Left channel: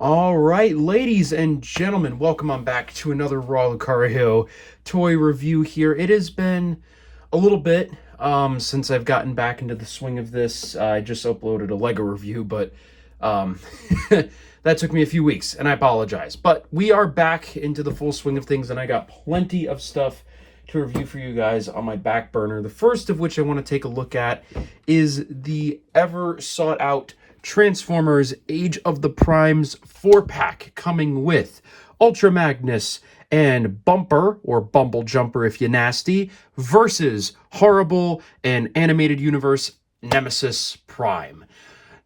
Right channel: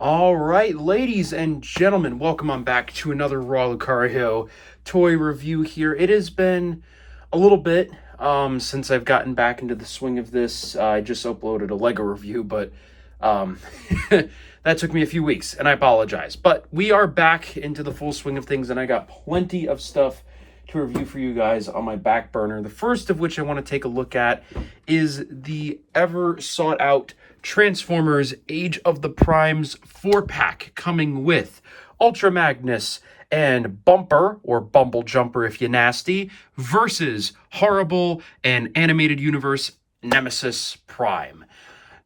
All right, ladies and gentlemen, welcome on back to another Raw Lucario toy review here. It has been a little bit since I've gotten back into the swing of this. I just uploaded a Lego review, but um, that took me a few weeks, and I apologize. But we are back into the full swing of things, and I got plenty of stuff to review for you guys on my back burner. The first of which I want to take a look at is the ever sought out Transformers Age of the Primes 4-pack, coming with Ultra Magnus and Bumper, or Bumble Jumper if you nasty, versus Horrible and Animated Universe Nemesis Prime.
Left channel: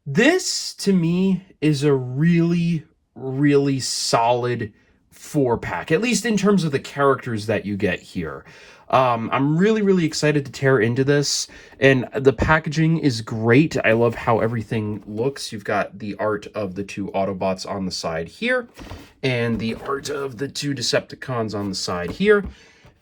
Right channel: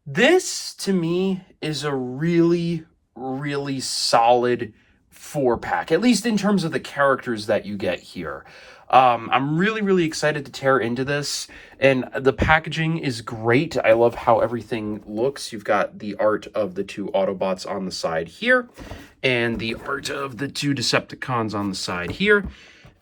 This, to me, is a really, really solid 4-pack, at least in terms of the characters that you get here. I'm really, really excited to tear into this, and the packaging is great. I love how everything looks. You've got the art of the two Autobots on the side here, and the art of the two Decepticons on the side here.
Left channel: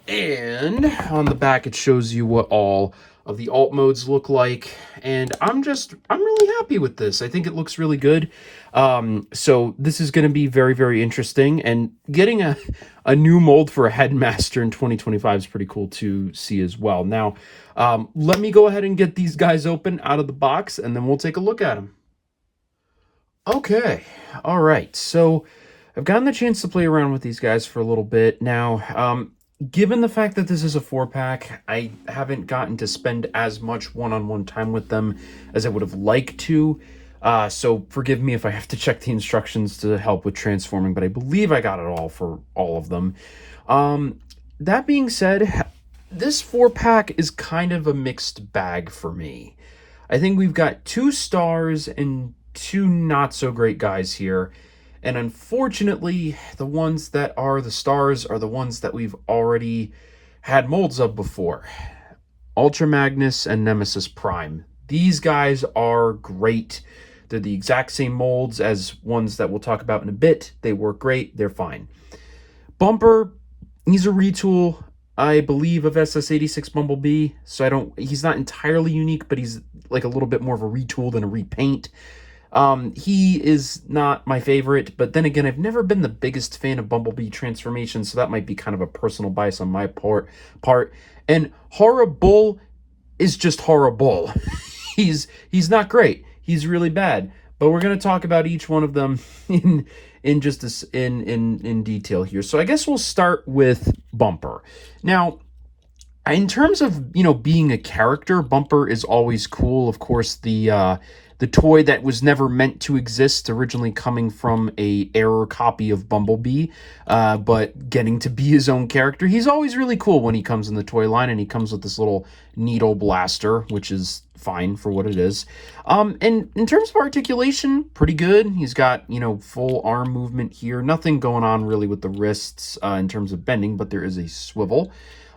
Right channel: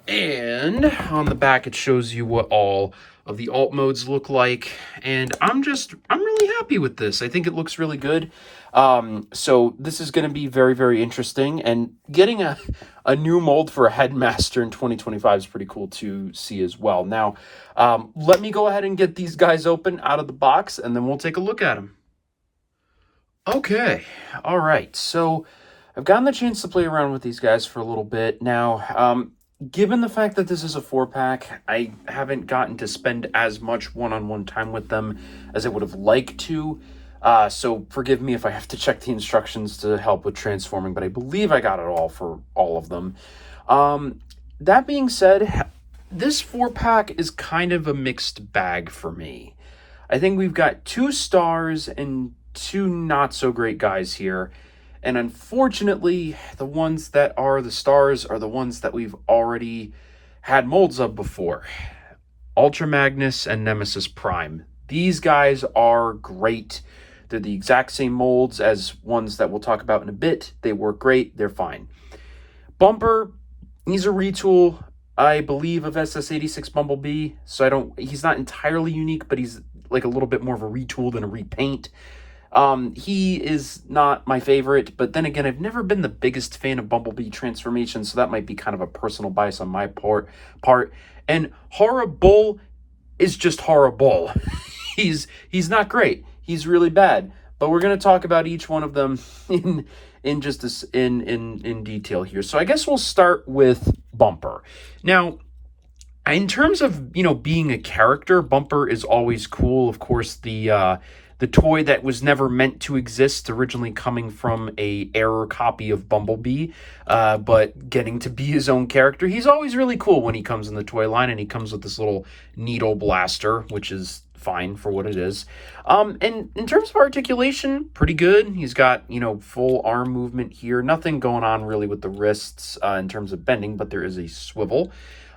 And on the back, it shows you what all of the alt modes look like. And I'm really happy with this. I think it looks really good. So this is going to be very, very interesting. And getting a new mold for a Headmaster in 2025 is pretty cool to see as well. Now, let me go ahead and get these guys open out of the box, and then we'll take a look at them. Okay, all right. So I've gotten the chance to play around with these guys for a little bit now. Given the fact that this is a 4-pack, I haven't gotten to spend as much one-on-one time with them as I would have liked to. So forgive me if I have to check the instructions to help with transforming, but I believe I got it all for all of them. That being said, this 4-pack is kind of a mixed bag for me. I think we've got 2 stars and 2 not-so-great guys here. And unfortunately, the ones that are the stars are the ones that we've already had molds of before. Ultra Magnus and Nemesis Prime. These guys are great. They're the exact same molds as ones that we'll talk about in a bit. They work great. They're fine. Bumper, he's a retool, I believe, of SS86 Bumblebee. So he's not entirely unique, but he's like a little bit more of a retool than a repaint. He is not my favorite, but then again, I've never been the biggest fan of Bumblebee transformations, so that might be kind of a personal bias on my part. And Horrible is just horrible. he's not great. He's really bad. But we're going to talk about each one of them in detail here. So I guess we'll start with Bumper. Now, in terms of, being a character, Bumper is always cool. Of course, the toy that was never meant to exist, originally coming from a error copy of Bumblebee, but getting to be his own character. He's always really cool when he comes in the toy line, and he comes with this little needle blaster, which is fine for what it is. And in terms of articulation, pretty good. He's got, full arm movement here. Nothing going on really with the wrists in terms of bending, but there is a swivel.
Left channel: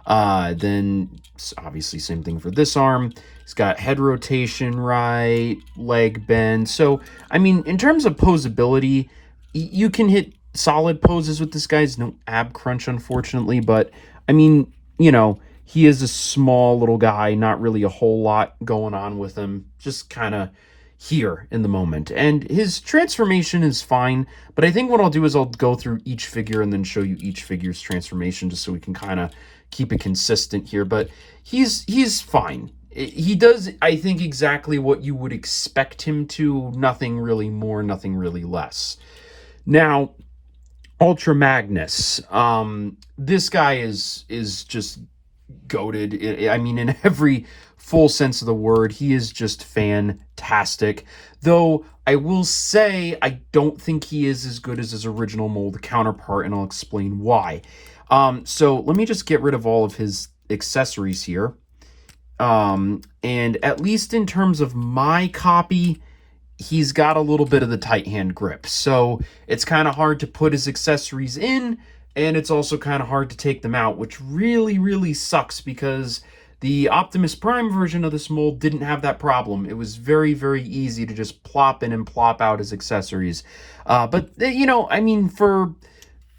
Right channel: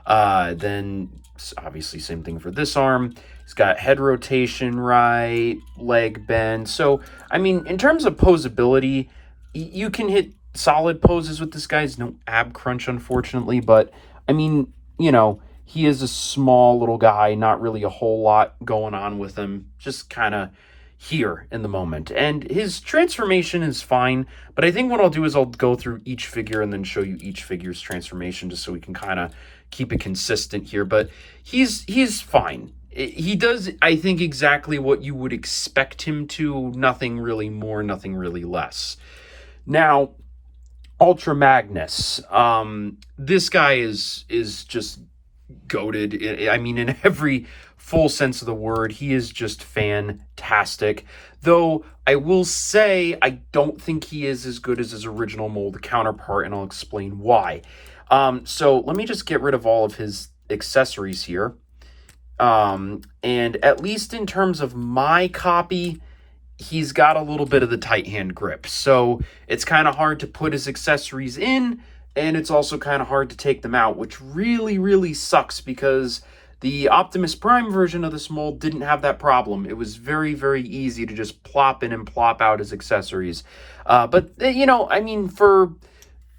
Then obviously same thing for this arm. He's got head rotation right, leg bend. So, I mean, in terms of posability, you can hit solid poses with this guy. He's no ab crunch, unfortunately, but I mean, he is a small little guy, not really a whole lot going on with him, just kind of here in the moment. And his transformation is fine, but I think what I'll do is I'll go through each figure and then show you each figure's transformation just so we can kind of keep it consistent here. But he's fine. He does, I think, exactly what you would expect him to. Nothing really more, nothing really less. Now, Ultra Magnus. This guy is just goated. I mean, in every full sense of the word, he is just fantastic. Though I will say I don't think he is as good as his original mold counterpart, and I'll explain why. So let me just get rid of all of his accessories here. And at least in terms of my copy, he's got a little bit of the tight hand grip. So it's kind of hard to put his accessories in, and it's also kind of hard to take them out, which really, really sucks because the Optimus Prime version of this mold didn't have that problem. It was very, very easy to just plop in and plop out his accessories. But, I mean,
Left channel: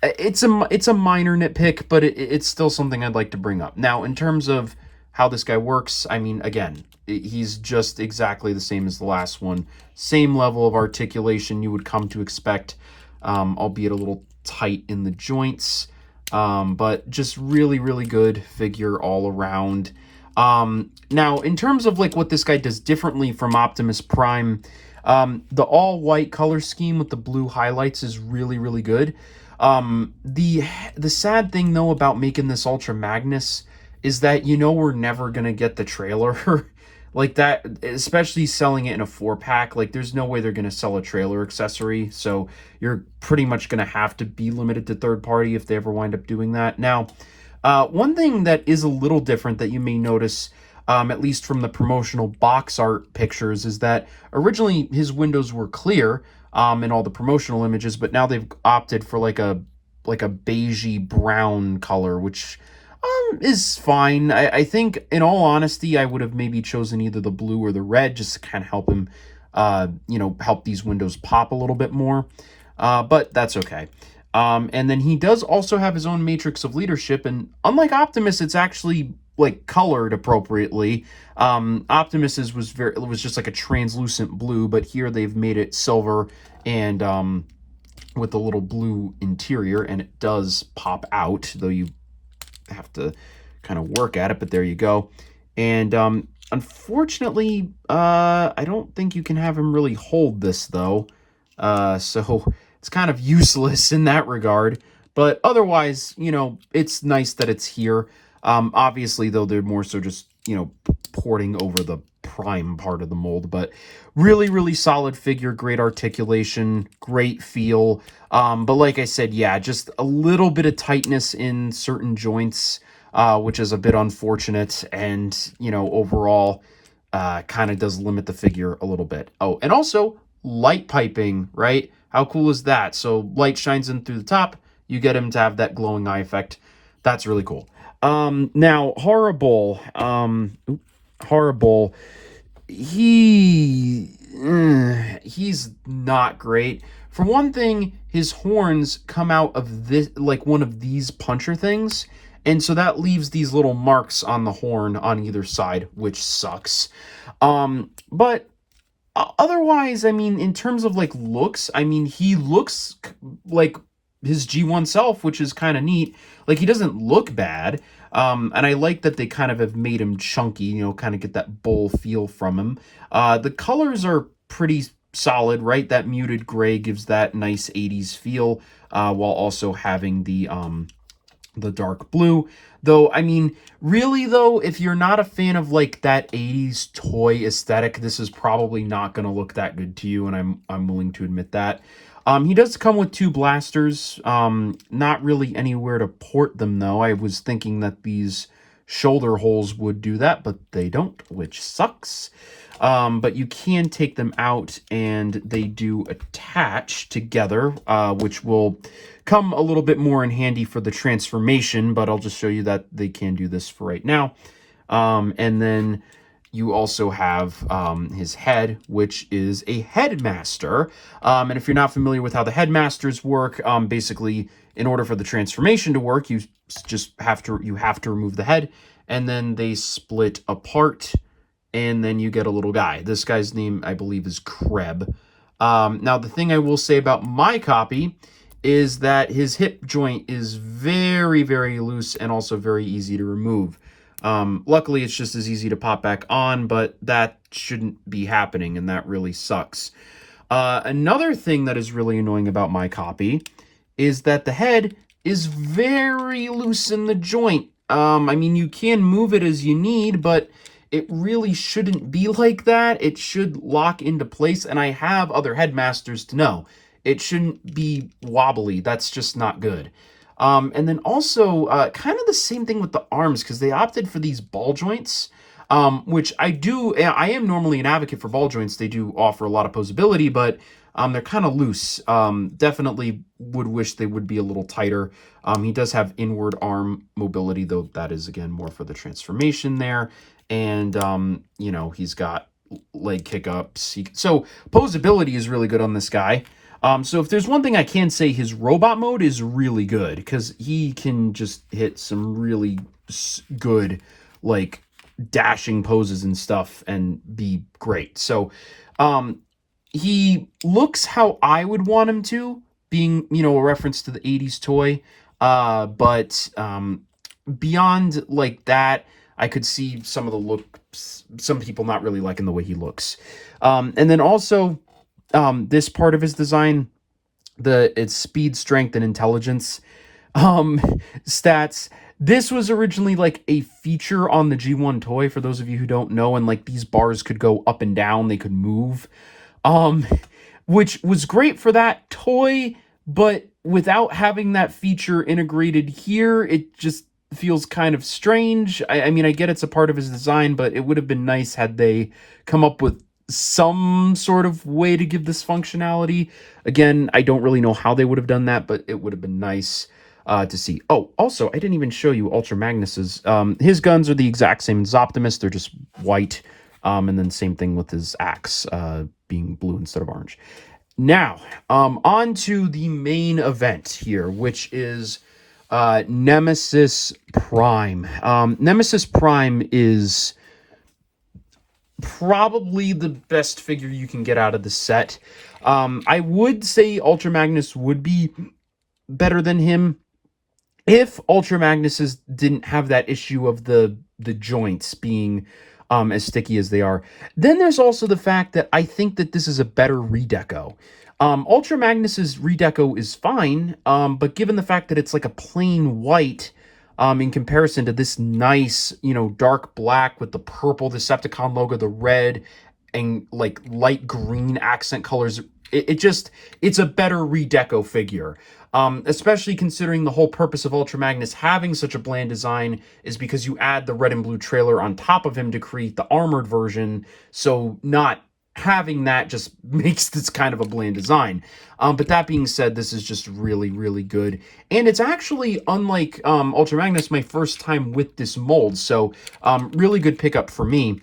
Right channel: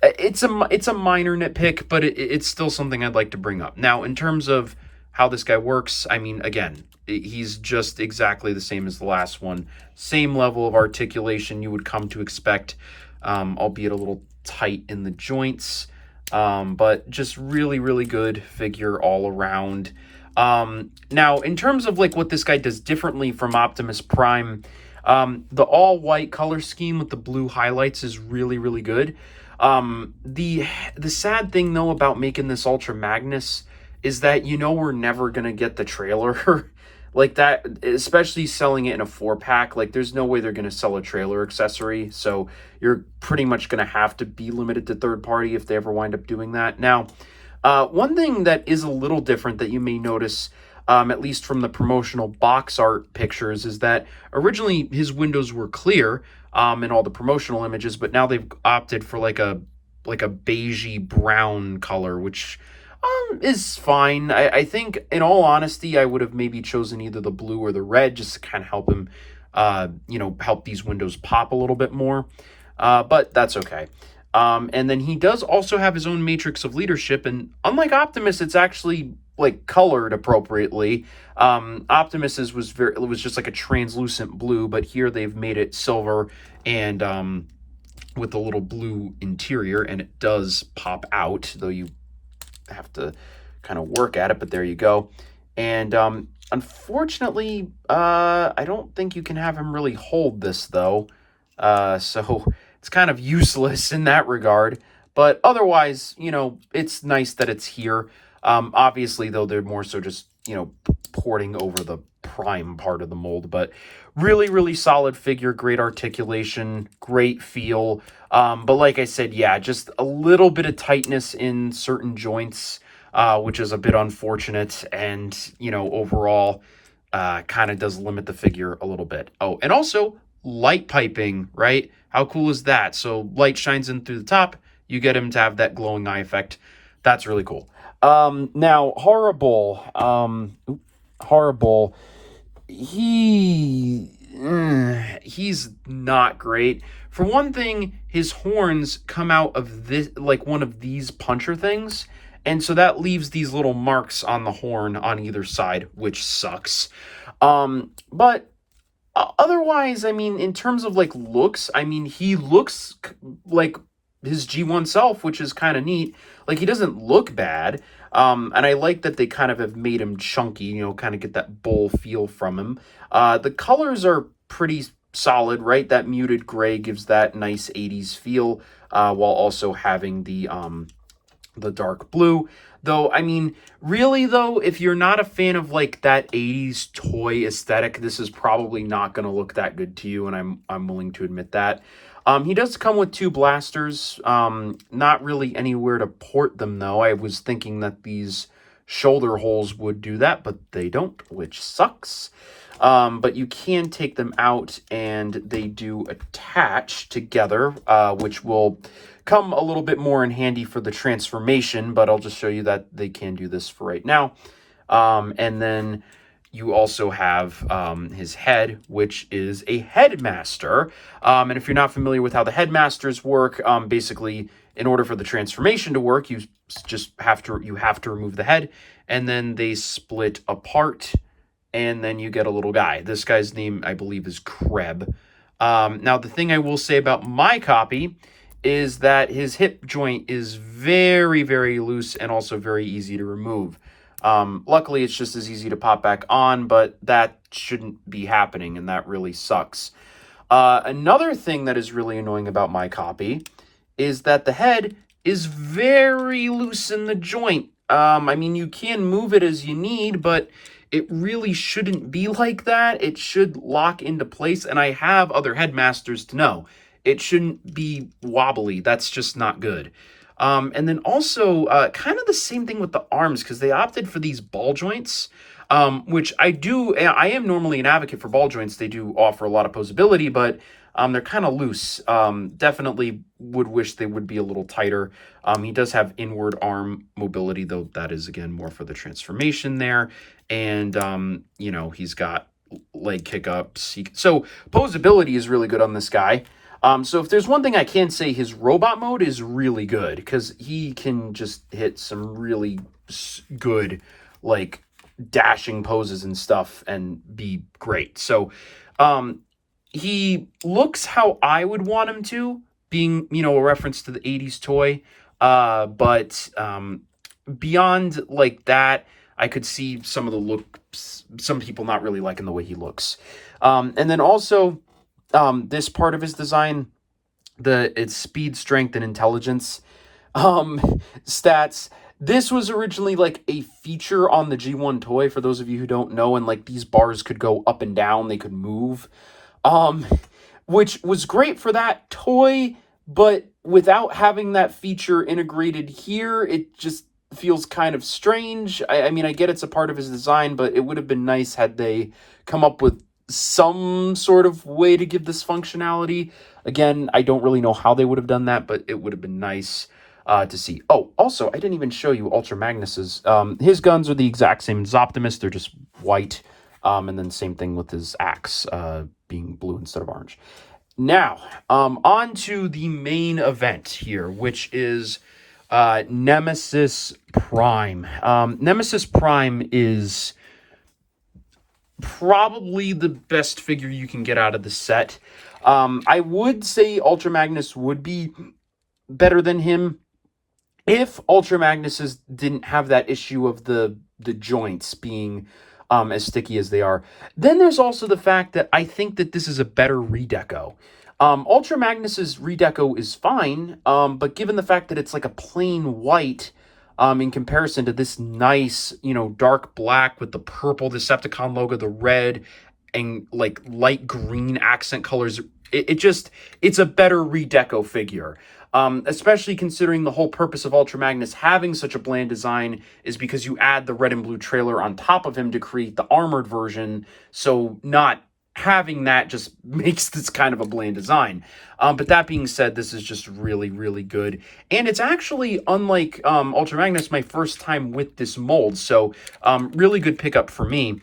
it's a minor nitpick, but it's still something I'd like to bring up. Now, in terms of how this guy works, I mean, again, he's just exactly the same as the last one. Same level of articulation you would come to expect albeit a little tight in the joints. But just really, really good figure all around. Now, in terms of like what this guy does differently from Optimus Prime, the all-white color scheme with the blue highlights is really, really good. The sad thing though about making this Ultra Magnus is that we're never gonna get the trailer like that, especially selling it in a 4-pack. Like there's no way they're gonna sell a trailer accessory, so you're pretty much gonna have to be limited to third party if they ever wind up doing that. Now, one thing that is a little different that you may notice, at least from the promotional box art pictures, is that originally his windows were clear in all the promotional images, but now they've opted for like a beigey brown color, which is fine. I think, in all honesty, I would have maybe chosen either the blue or the red just to kind of help him, help these windows pop a little bit more. But that's okay. And then he does also have his own matrix of leadership, and unlike Optimus, it's actually like colored appropriately. Optimus's was just like a translucent blue, but here they've made it silver and with a little blue interior, and it does pop out, though you have to kind of work at it, but there you go. And unfortunately, I don't think you can have him really hold this though, so it's kind of useless in that regard. But otherwise, it's nice that it's here. Obviously though, they're more so just porting over the Prime part of the mold, but really, really solid figure, great articulation, great feel. But like I said, yeah, just a little bit of tightness in certain joints, which is a bit unfortunate, and overall kind of does limit the figure a little bit. Oh, and also light piping, right? How cool is that? So light shines in through the top, you get him to have that glowing eye effect. That's really cool. Now Horrible, Horrible, he's not great. For one thing, his horns come out of this, like one of these puncher things, and so that leaves these little marks on the horn on either side, which sucks. But otherwise, I mean, in terms of like looks, I mean, he looks like his G1 self, which is kind of neat. Like, he doesn't look bad. And I like that they kind of have made him chunky, kind of get that bull feel from him. The colors are pretty solid, right? That muted gray gives that nice 80s feel, while also having the dark blue. Though, I mean, really though, if you're not a fan of like that 80s toy aesthetic, this is probably not going to look that good to you, and I'm willing to admit that. He does come with 2 blasters, not really anywhere to port them though. I was thinking that these shoulder holes would do that, but they don't, which sucks. But you can take them out, and they do attach together, which will come a little bit more in handy for the transformation, but I'll just show you that they can do this for right now. And then you also have his head, which is a headmaster. And if you're not familiar with how the headmasters work, basically, in order for the transformation to work, you just have to remove the head, and then they split apart, and then you get a little guy. This guy's name, I believe, is Kreb. Now, the thing I will say about my copy is that his hip joint is very, very loose and also very easy to remove. Luckily, it's just as easy to pop back on, but that shouldn't be happening, and that really sucks. Another thing that is really annoying about my copy is that the head is very loose in the joint. I mean, you can move it as you need, but it really shouldn't be like that. It should lock into place, and I have other headmasters to know. It shouldn't be wobbly. That's just not good. And then also, kind of the same thing with the arms, because they opted for these ball joints, which I am normally an advocate for ball joints. They do offer a lot of posability, but they're kind of loose. Definitely would wish they would be a little tighter. He does have inward arm mobility, though that is, again, more for the transformation there. And, he's got leg kick-ups. So posability is really good on this guy. So if there's one thing I can say, his robot mode is really good, because he can just hit some really good, like, dashing poses and stuff and be great. So he looks how I would want him to, being, you know, a reference to the 80s toy. But beyond like that, I could see some of the looks, some people not really liking the way he looks. And then also, this part of his design, its speed, strength, and intelligence um stats. This was originally like a feature on the G1 toy, for those of you who don't know, and like these bars could go up and down, they could move. Um which was great for that toy, but without having that feature integrated here, it just feels kind of strange. I mean, I get it's a part of his design, but it would have been nice had they come up with some sort of way to give this functionality. Again, I don't really know how they would have done that, but it would have been nice to see. Oh, also, I didn't even show you Ultra Magnus's. His guns are the exact same as Optimus. They're just white. And then same thing with his axe being blue instead of orange. Now, on to the main event here, which is Nemesis Prime. Nemesis Prime is probably the best figure you can get out of the set. I would say Ultra Magnus would be better than him if Ultra Magnuses didn't have that issue of the joints being as sticky as they are. Then there's also the fact that I think that this is a better redeco. Ultra Magnus's redeco is fine, but given the fact that it's like a plain white, in comparison to this nice, you know, dark black with the purple Decepticon logo, the red, and like light green accent colors, it's a better redeco figure. Especially considering the whole purpose of Ultra Magnus having such a bland design is because you add the red and blue trailer on top of him to create the armored version, so not having that just makes this kind of a bland design. But that being said, this is just really, really good. And it's actually, unlike Ultra Magnus, my first time with this mold, so really good pickup for me.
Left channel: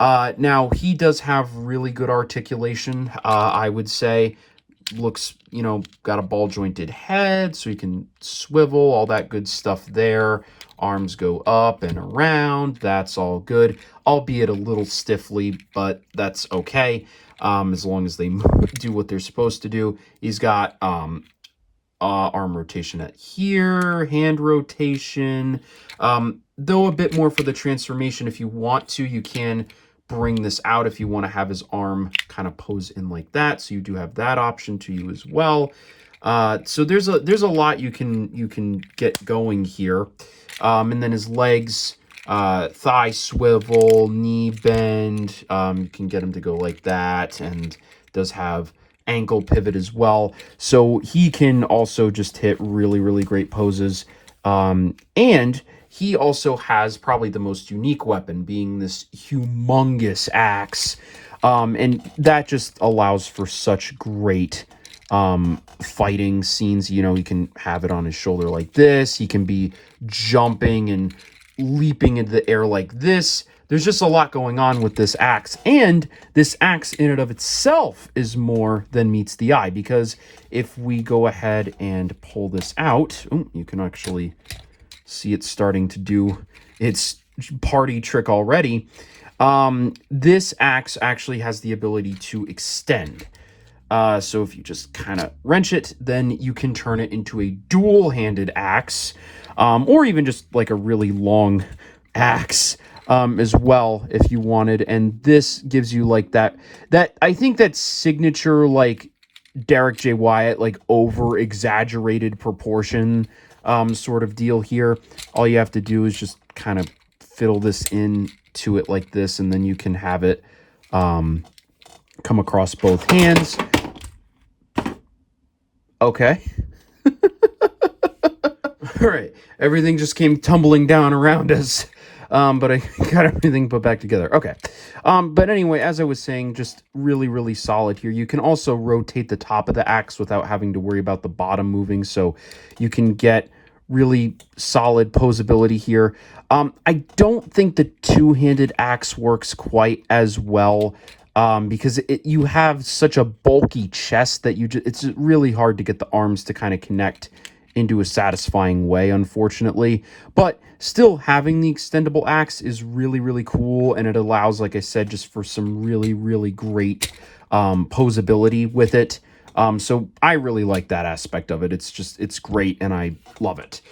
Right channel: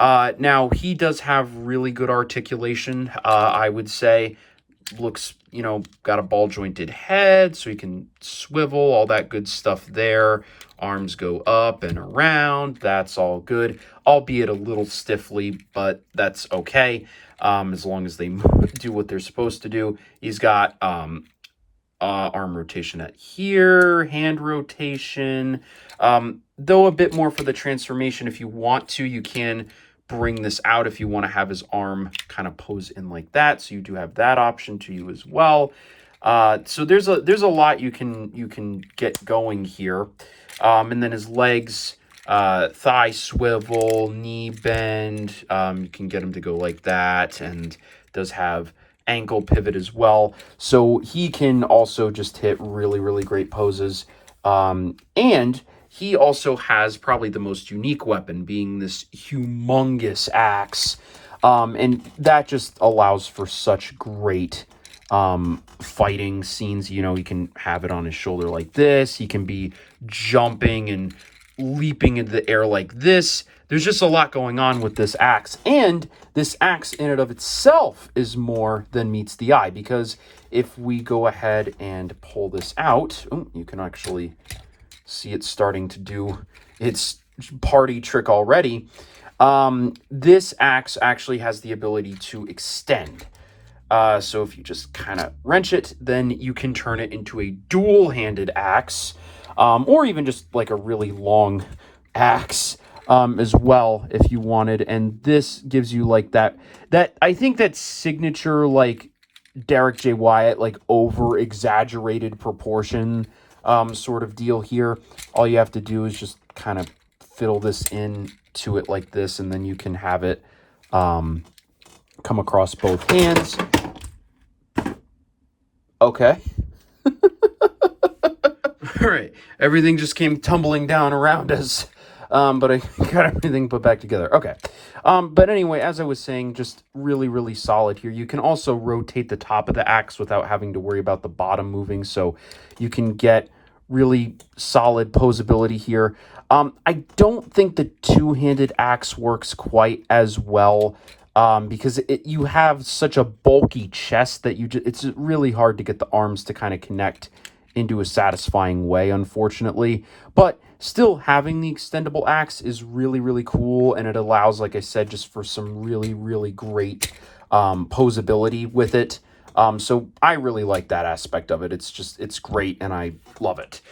Now, he does have really good articulation, I would say. Looks, you know, got a ball jointed head, so he can swivel, all that good stuff there. Arms go up and around, that's all good, albeit a little stiffly, but that's okay, as long as they do what they're supposed to do. He's got arm rotation at here, hand rotation, though a bit more for the transformation. If you want to, you can bring this out if you want to have his arm kind of pose in like that, so you do have that option to you as well. So there's a lot you can get going here. And then his legs, thigh swivel, knee bend, you can get him to go like that, and does have ankle pivot as well, so he can also just hit really, really great poses. And he also has probably the most unique weapon, being this humongous axe. And that just allows for such great fighting scenes. You know, he can have it on his shoulder like this. He can be jumping and leaping into the air like this. There's just a lot going on with this axe. And this axe in and of itself is more than meets the eye, because if we go ahead and pull this out, you can actually see it starting to do its party trick already. This axe actually has the ability to extend. So if you just kind of wrench it, then you can turn it into a dual-handed axe, or even just like a really long axe as well, if you wanted. And this gives you like that I think that signature, like Derek J. Wyatt, like over-exaggerated proportion sort of deal here. All you have to do is just kind of fiddle this into it like this, and then you can have it come across both hands. Okay. All right. Everything just came tumbling down around us. But I got everything put back together. Okay. But anyway, as I was saying, just really, really solid here. You can also rotate the top of the axe without having to worry about the bottom moving, so you can get really solid posability here. I don't think the two-handed axe works quite as well, because you have such a bulky chest that it's really hard to get the arms to kind of connect into a satisfying way, unfortunately. But still, having the extendable axe is really, really cool, and it allows, like I said, just for some really, really great posability with it. So I really like that aspect of it. It's great, and I love it.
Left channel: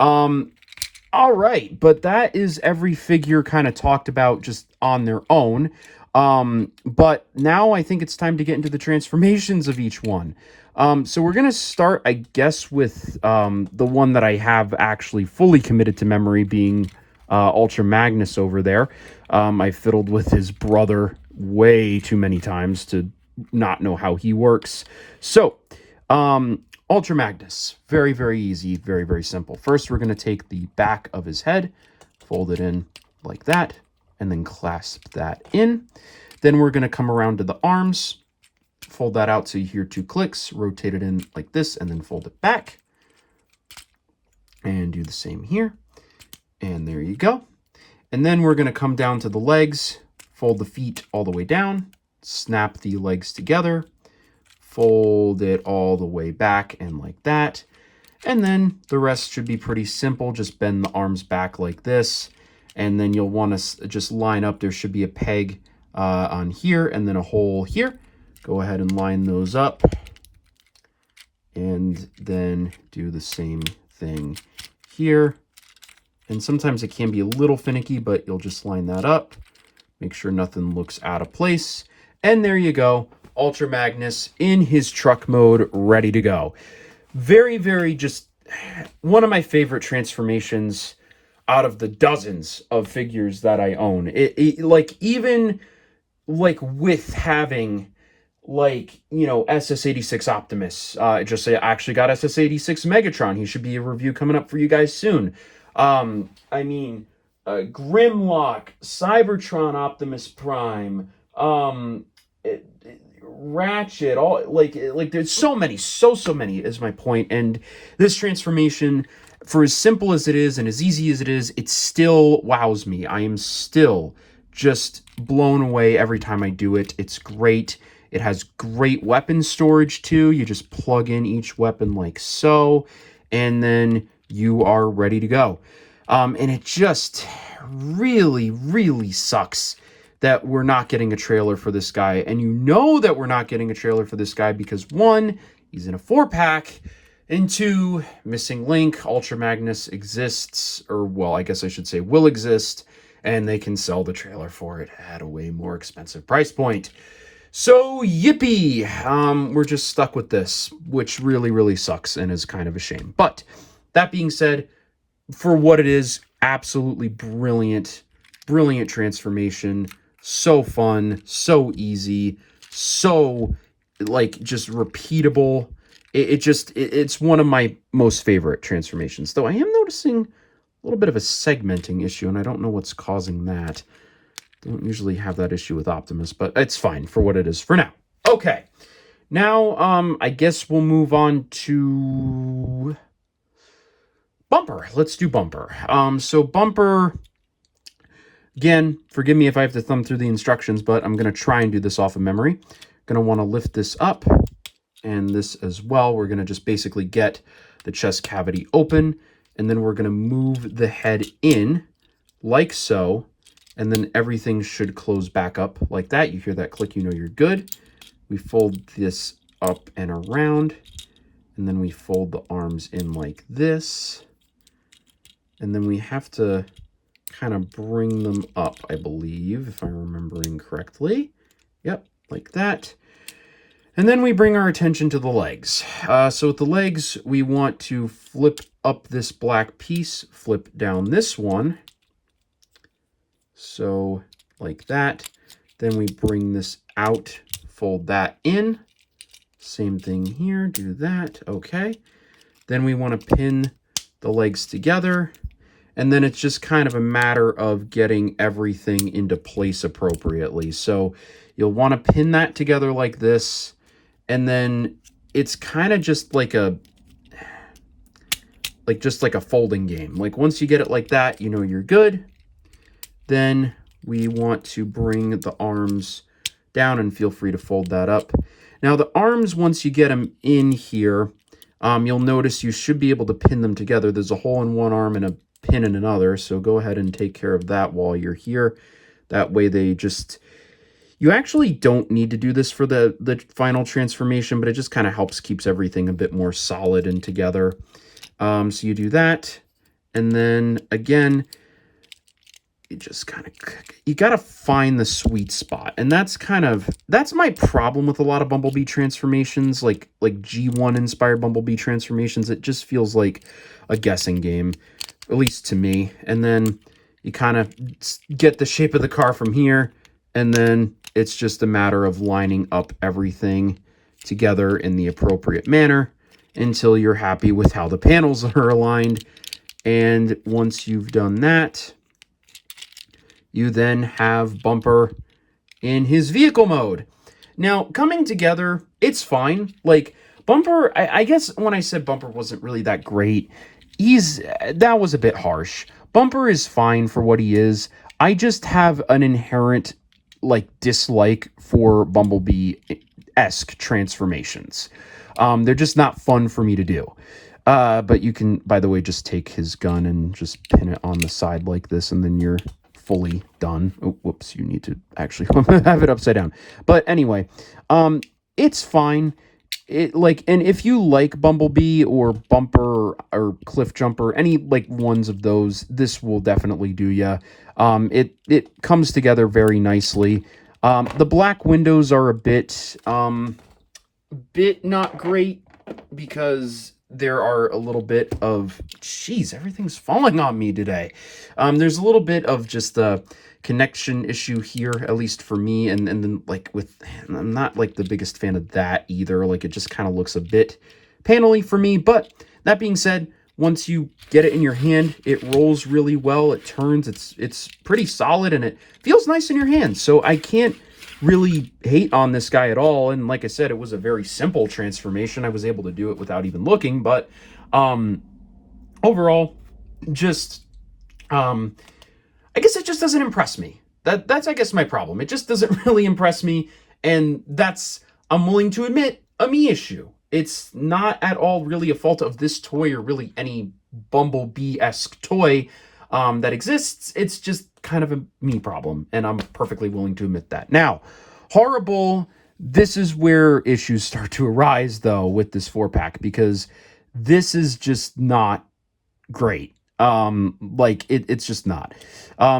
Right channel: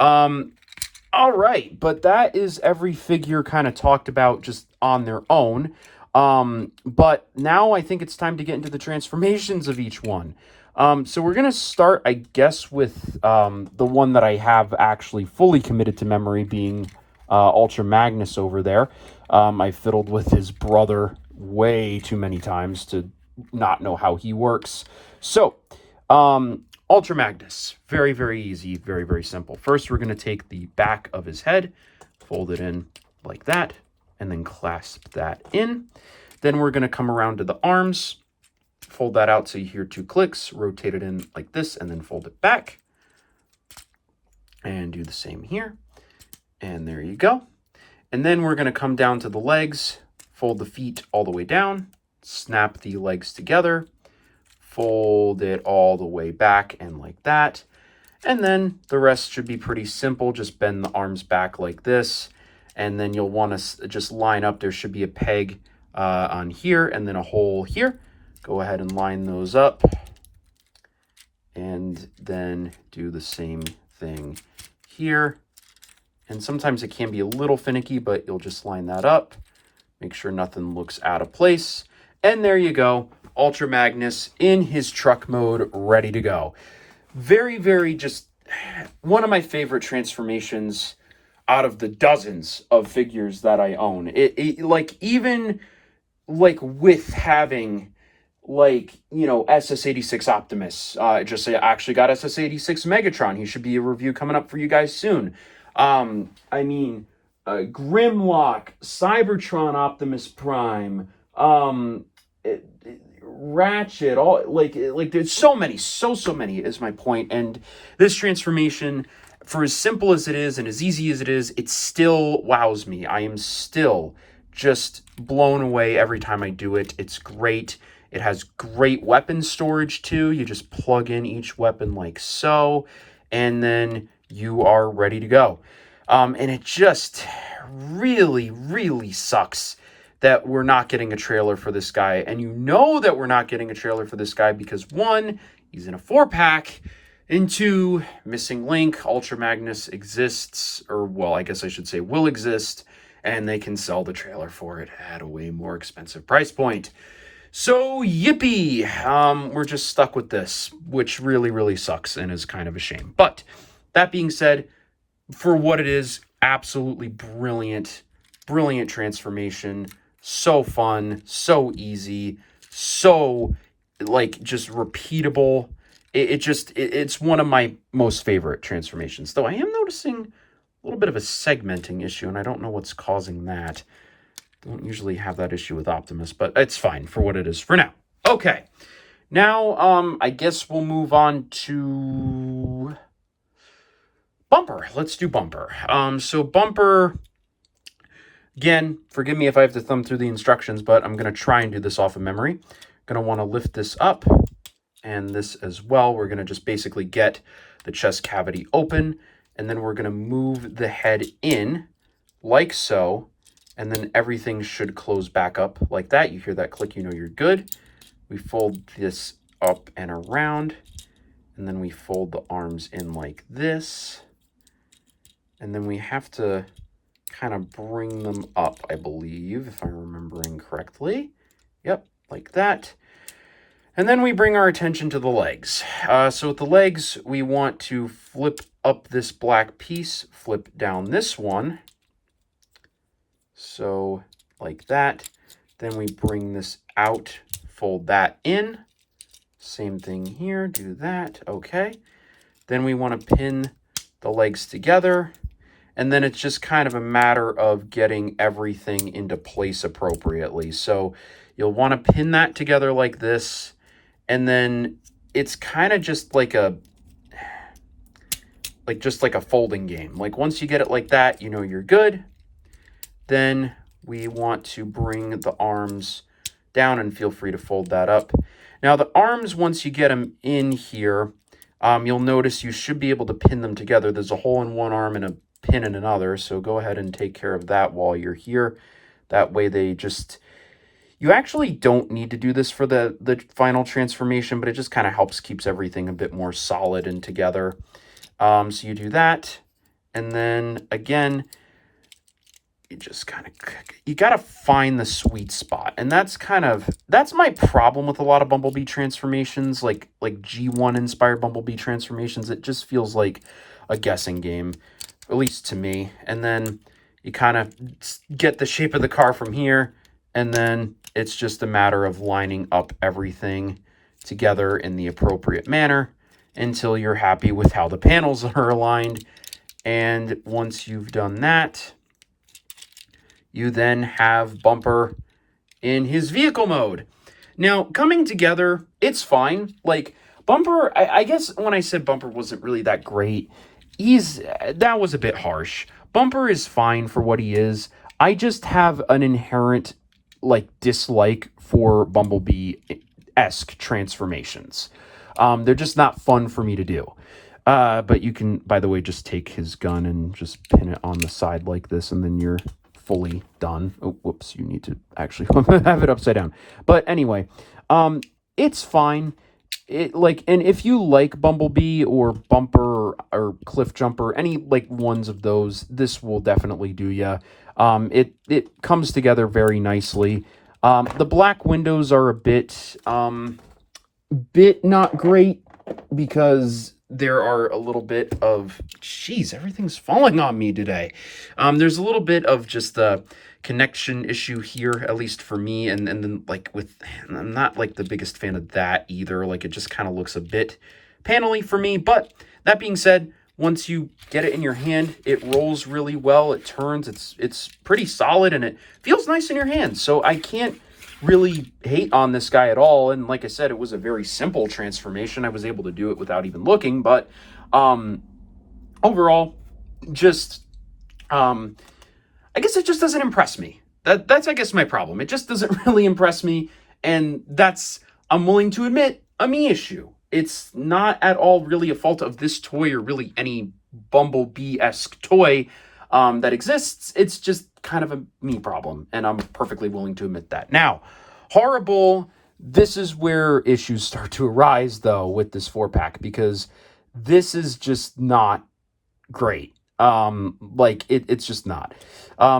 All right, but that is every figure kind of talked about just on their own. But now I think it's time to get into the transformations of each one. So we're gonna start, I guess, with the one that I have actually fully committed to memory, being Ultra Magnus over there. I fiddled with his brother way too many times to not know how he works. So, Ultra Magnus, very, very easy, very, very simple. First, we're going to take the back of his head, fold it in like that, and then clasp that in. Then we're going to come around to the arms, fold that out so you hear 2 clicks, rotate it in like this, and then fold it back. And do the same here. And there you go. And then we're going to come down to the legs, fold the feet all the way down, snap the legs together, fold it all the way back and like that. And then the rest should be pretty simple. Just bend the arms back like this. And then you'll want to just line up. There should be a peg on here and then a hole here. Go ahead and line those up. And then do the same thing here. And sometimes it can be a little finicky, but you'll just line that up. Make sure nothing looks out of place. And there you go. Ultra Magnus in his truck mode, ready to go. Very, very just one of my favorite transformations out of the dozens of figures that I own. Like, even like with having like, you know, SS86 Optimus, I actually got SS86 Megatron. He should be a review coming up for you guys soon. I mean, Grimlock, Cybertron Optimus Prime, Ratchet, all like there's so many is my point. And this transformation, for as simple as it is and as easy as it is, it still wows me. I am still just blown away every time I do it. It's great. It has great weapon storage too. You just plug in each weapon like so, and then you are ready to go. And it just really, really sucks that we're not getting a trailer for this guy. And you know that we're not getting a trailer for this guy because 1, he's in a 4-pack, and 2, missing link. Ultra Magnus exists, or well, I guess I should say will exist, and they can sell the trailer for it at a way more expensive price point. So yippee, we're just stuck with this, which really, really sucks and is kind of a shame. But that being said, for what it is, absolutely brilliant, brilliant transformation. So fun, so easy, so like just repeatable. It's one of my most favorite transformations. Though I am noticing a little bit of a segmenting issue, and I don't know what's causing that. I don't usually have that issue with Optimus, but it's fine for what it is for now. Okay, now I guess we'll move on to Bumper. Let's do Bumper. So Bumper, again, forgive me if I have to thumb through the instructions, but I'm going to try and do this off of memory. Going to want to lift this up and this as well. We're going to just basically get the chest cavity open, and then we're going to move the head in like so, and then everything should close back up like that. You hear that click, you know you're good. We fold this up and around, and then we fold the arms in like this. And then we have to kind of bring them up, I believe, if I'm remembering correctly. Yep, like that. And then we bring our attention to the legs. So with the legs, we want to flip up this black piece, flip down this one. So like that. Then we bring this out, fold that in. Same thing here, do that, okay. Then we want to pin the legs together. And then it's just kind of a matter of getting everything into place appropriately. So you'll want to pin that together like this. And then it's kind of just like a folding game. Like once you get it like that, you know you're good. Then we want to bring the arms down, and feel free to fold that up. Now the arms, once you get them in here, you'll notice you should be able to pin them together. There's a hole in one arm and a pin in another, so go ahead and take care of that while you're here. That way they just, You actually don't need to do this for the final transformation, but it just kind of helps keeps everything a bit more solid and together. So you do that, and then again, you just kind of, you got to find the sweet spot. And that's my problem with a lot of Bumblebee transformations, like G1 inspired Bumblebee transformations. It just feels like a guessing game, at least to me. And then you kind of get the shape of the car from here, and then it's just a matter of lining up everything together in the appropriate manner until you're happy with how the panels are aligned. And once you've done that, you then have Bumper in his vehicle mode. Now, coming together, it's fine. Like, Bumper, I guess when I said Bumper wasn't really that great, that was a bit harsh. Bumper is fine for what he is. I just have an inherent, like, dislike for Bumblebee-esque transformations. They're just not fun for me to do. But you can, by the way, just take his gun and just pin it on the side like this, and then you're fully done. Oh, whoops, you need to actually have it upside down. But anyway, it's fine. And if you like Bumblebee or Bumper or Cliff Jumper, any like ones of those, this will definitely do ya. It comes together very nicely. The black windows are a bit not great because there are a little bit of, geez, everything's falling on me today. There's a little bit of just a connection issue here, at least for me. And then like I'm not like the biggest fan of that either. Like it just kind of looks a bit panely for me. But that being said, once you get it in your hand, it rolls really well. It turns, it's pretty solid, and it feels nice in your hand. So I can't really hate on this guy at all. And like I said, it was a very simple transformation. I was able to do it without even looking. But overall, just I guess it just doesn't impress me. That's I guess my problem. It just doesn't really impress me, and that's, I'm willing to admit, a me issue. It's not at all really a fault of this toy or really any Bumblebee-esque toy that exists. It's just kind of a me problem, and I'm perfectly willing to admit that. Now, horrible, this is where issues start to arise, though, with this 4-pack, because this is just not great. It's just not.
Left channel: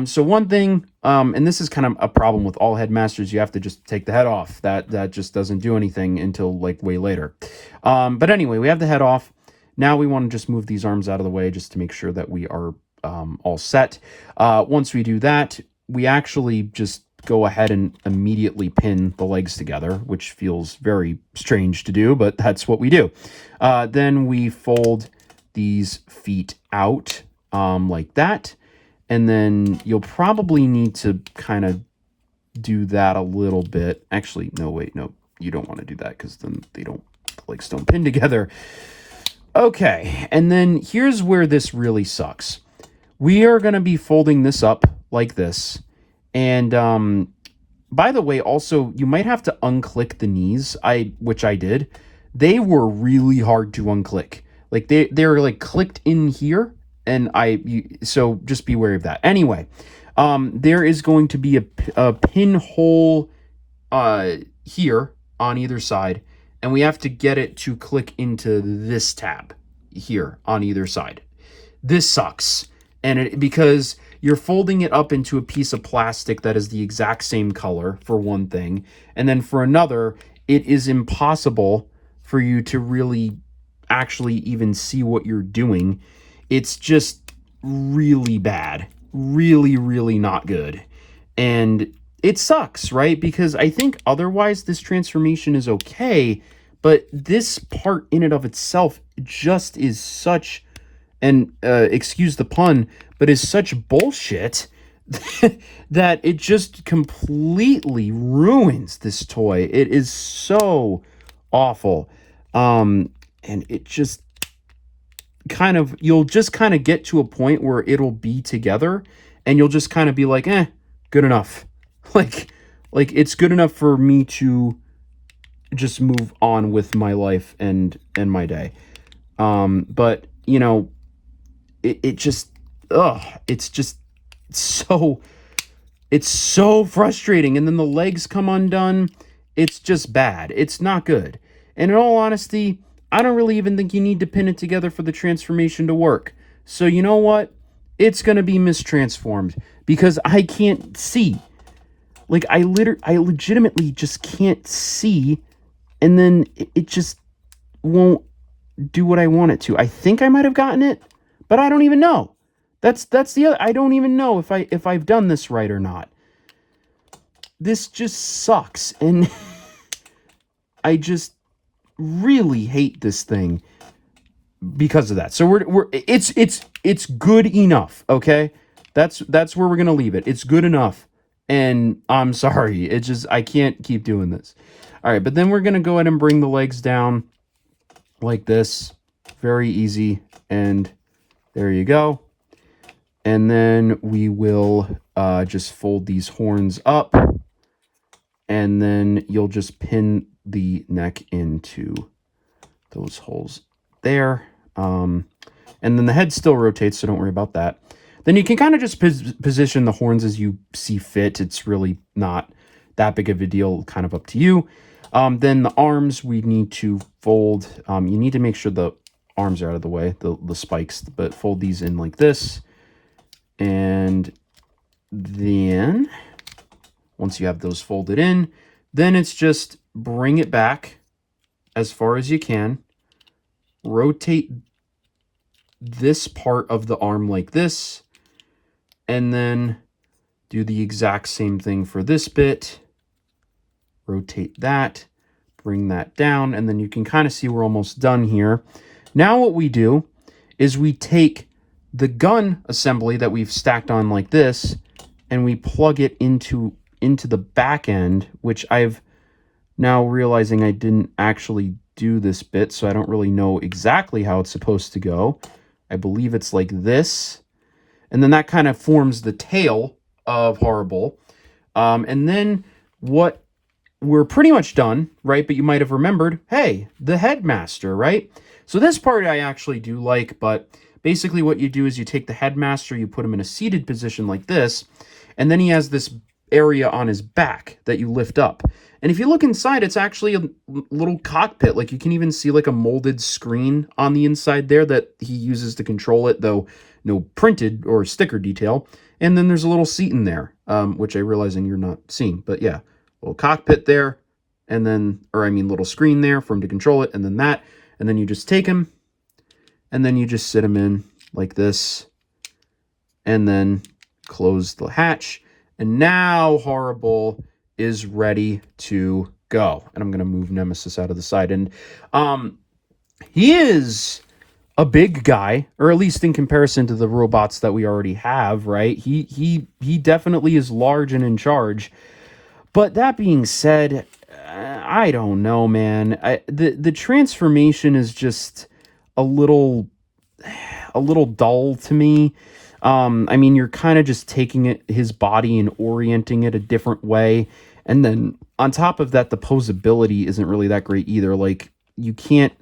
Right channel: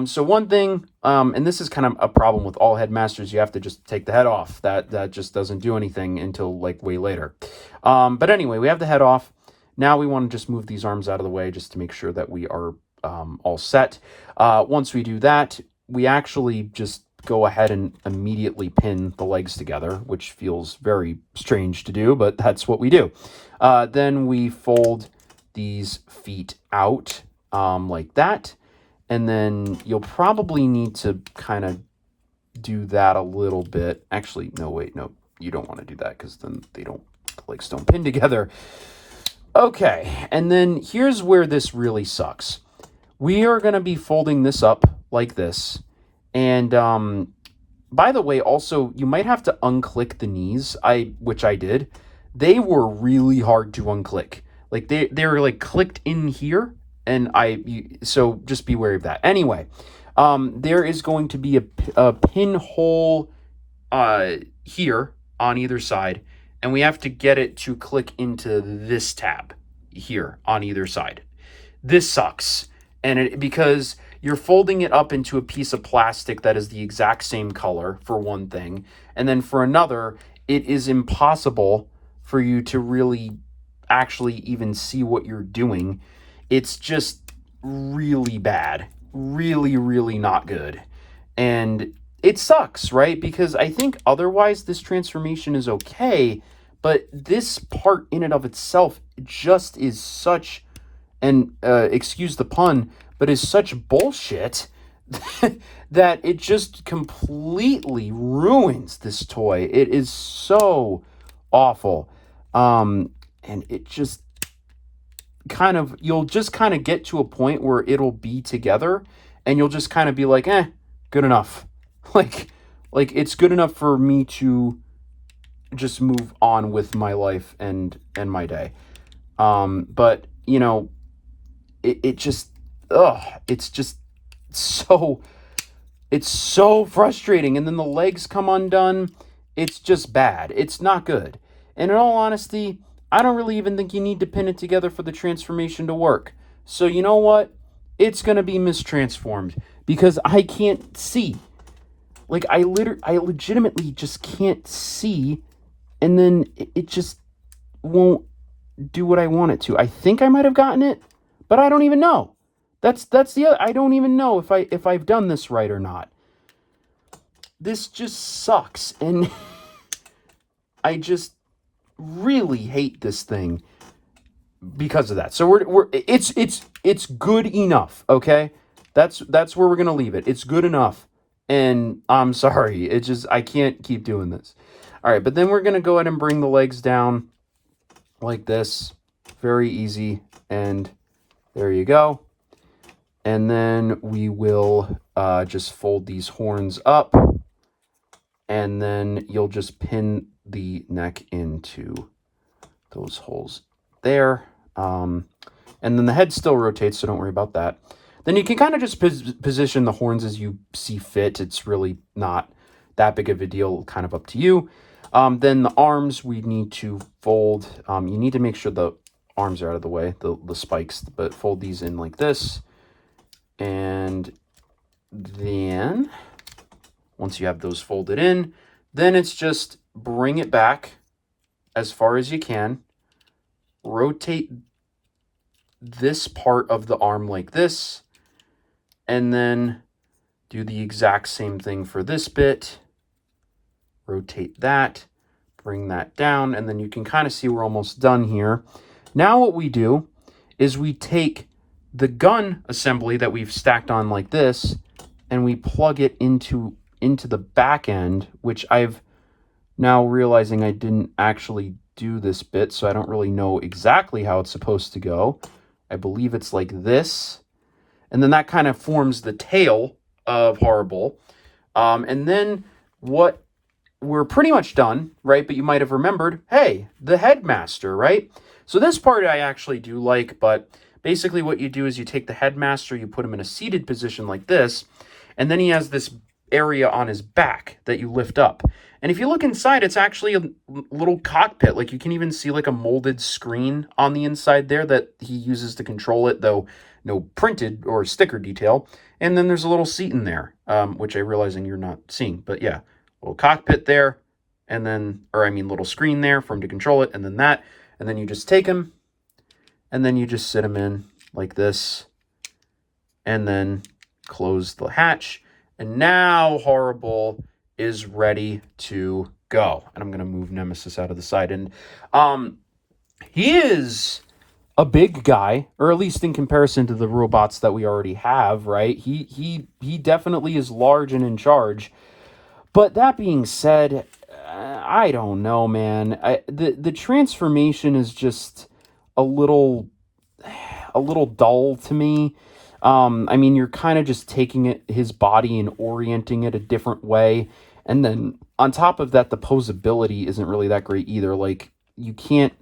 So one thing, and this is kind of a problem with all Headmasters, you have to just take the head off. That just doesn't do anything until like way later. But anyway, we have the head off. Now we want to just move these arms out of the way just to make sure that we are all set. Once we do that, we actually just go ahead and immediately pin the legs together, which feels very strange to do, but that's what we do. Then we fold these feet out like that, and then you'll probably need to kind of do that a little bit. Actually, no, wait, no, you don't want to do that because then the legs don't pin together. Okay, and then here's where this really sucks. We are going to be folding this up like this. And by the way, also, you might have to unclick the knees, which I did. They were really hard to unclick. Like they were like clicked in here, and so just be wary of that. Anyway, there is going to be a pinhole here on either side, and we have to get it to click into this tab here on either side. This sucks. And because you're folding it up into a piece of plastic that is the exact same color, for one thing. And then for another, it is impossible for you to really actually even see what you're doing. It's just really bad. Really, really not good. And it sucks, right? Because I think otherwise this transformation is okay, but this part in and of itself just is such, and excuse the pun, but is such bullshit that it just completely ruins this toy. It is so awful. And it just you'll just kind of get to a point where it'll be together and you'll just kind of be like, good enough. Like it's good enough for me to just move on with my life and my day. But you know, it's just so It's so frustrating. And then the legs come undone. It's just bad. It's not good. And in all honesty, I don't really even think you need to pin it together for the transformation to work. So you know what? It's going to be mistransformed because I can't see. Like I legitimately just can't see, and then it just won't do what I want it to. I think I might have gotten it, but I don't even know. That's the other, I don't even know if I've done this right or not. This just sucks, and I just really hate this thing because of that. So it's good enough, okay? That's where we're gonna leave it. It's good enough. And I'm sorry, it's just I can't keep doing this. All right, but then we're gonna go ahead and bring the legs down like this. Very easy, and there you go. And then we will just fold these horns up, and then you'll just pin the neck into those holes there. And then the head still rotates, so don't worry about that. Then you can kind of just position the horns as you see fit. It's really not that big of a deal, kind of up to you. Then the arms we need to fold. You need to make sure the arms are out of the way, the spikes, but fold these in like this. And then once you have those folded in, then it's just bring it back as far as you can. Rotate this part of the arm like this, and then do the exact same thing for this bit. Rotate that, bring that down, and then you can kind of see we're almost done here. Now what we do is we take the gun assembly that we've stacked on like this, and we plug it into the back end, which I've now realizing I didn't actually do this bit, so I don't really know exactly how it's supposed to go. I believe it's like this. And then that kind of forms the tail of Horrible. And then what we're pretty much done, right? But you might have remembered, hey, the headmaster, right? So this part I actually do like, but basically what you do is you take the headmaster, you put him in a seated position like this, and then he has this area on his back that you lift up. And if you look inside, it's actually a little cockpit. Like you can even see like a molded screen on the inside there that he uses to control it, though no printed or sticker detail. And then there's a little seat in there, which I realizing you're not seeing. But yeah, little cockpit there, and then, or I mean little screen there for him to control it, and then that. And then you just take him, and then you just sit him in like this, and then close the hatch. And now Horrible is ready to go. And I'm going to move Nemesis out of the side. And he is a big guy, or at least in comparison to the robots that we already have, right? He definitely is large and in charge. But that being said, I don't know, man. The transformation is just a little dull to me. I mean, you're kind of just taking his body and orienting it a different way. And then on top of that, the posability isn't really that great either. Like you can't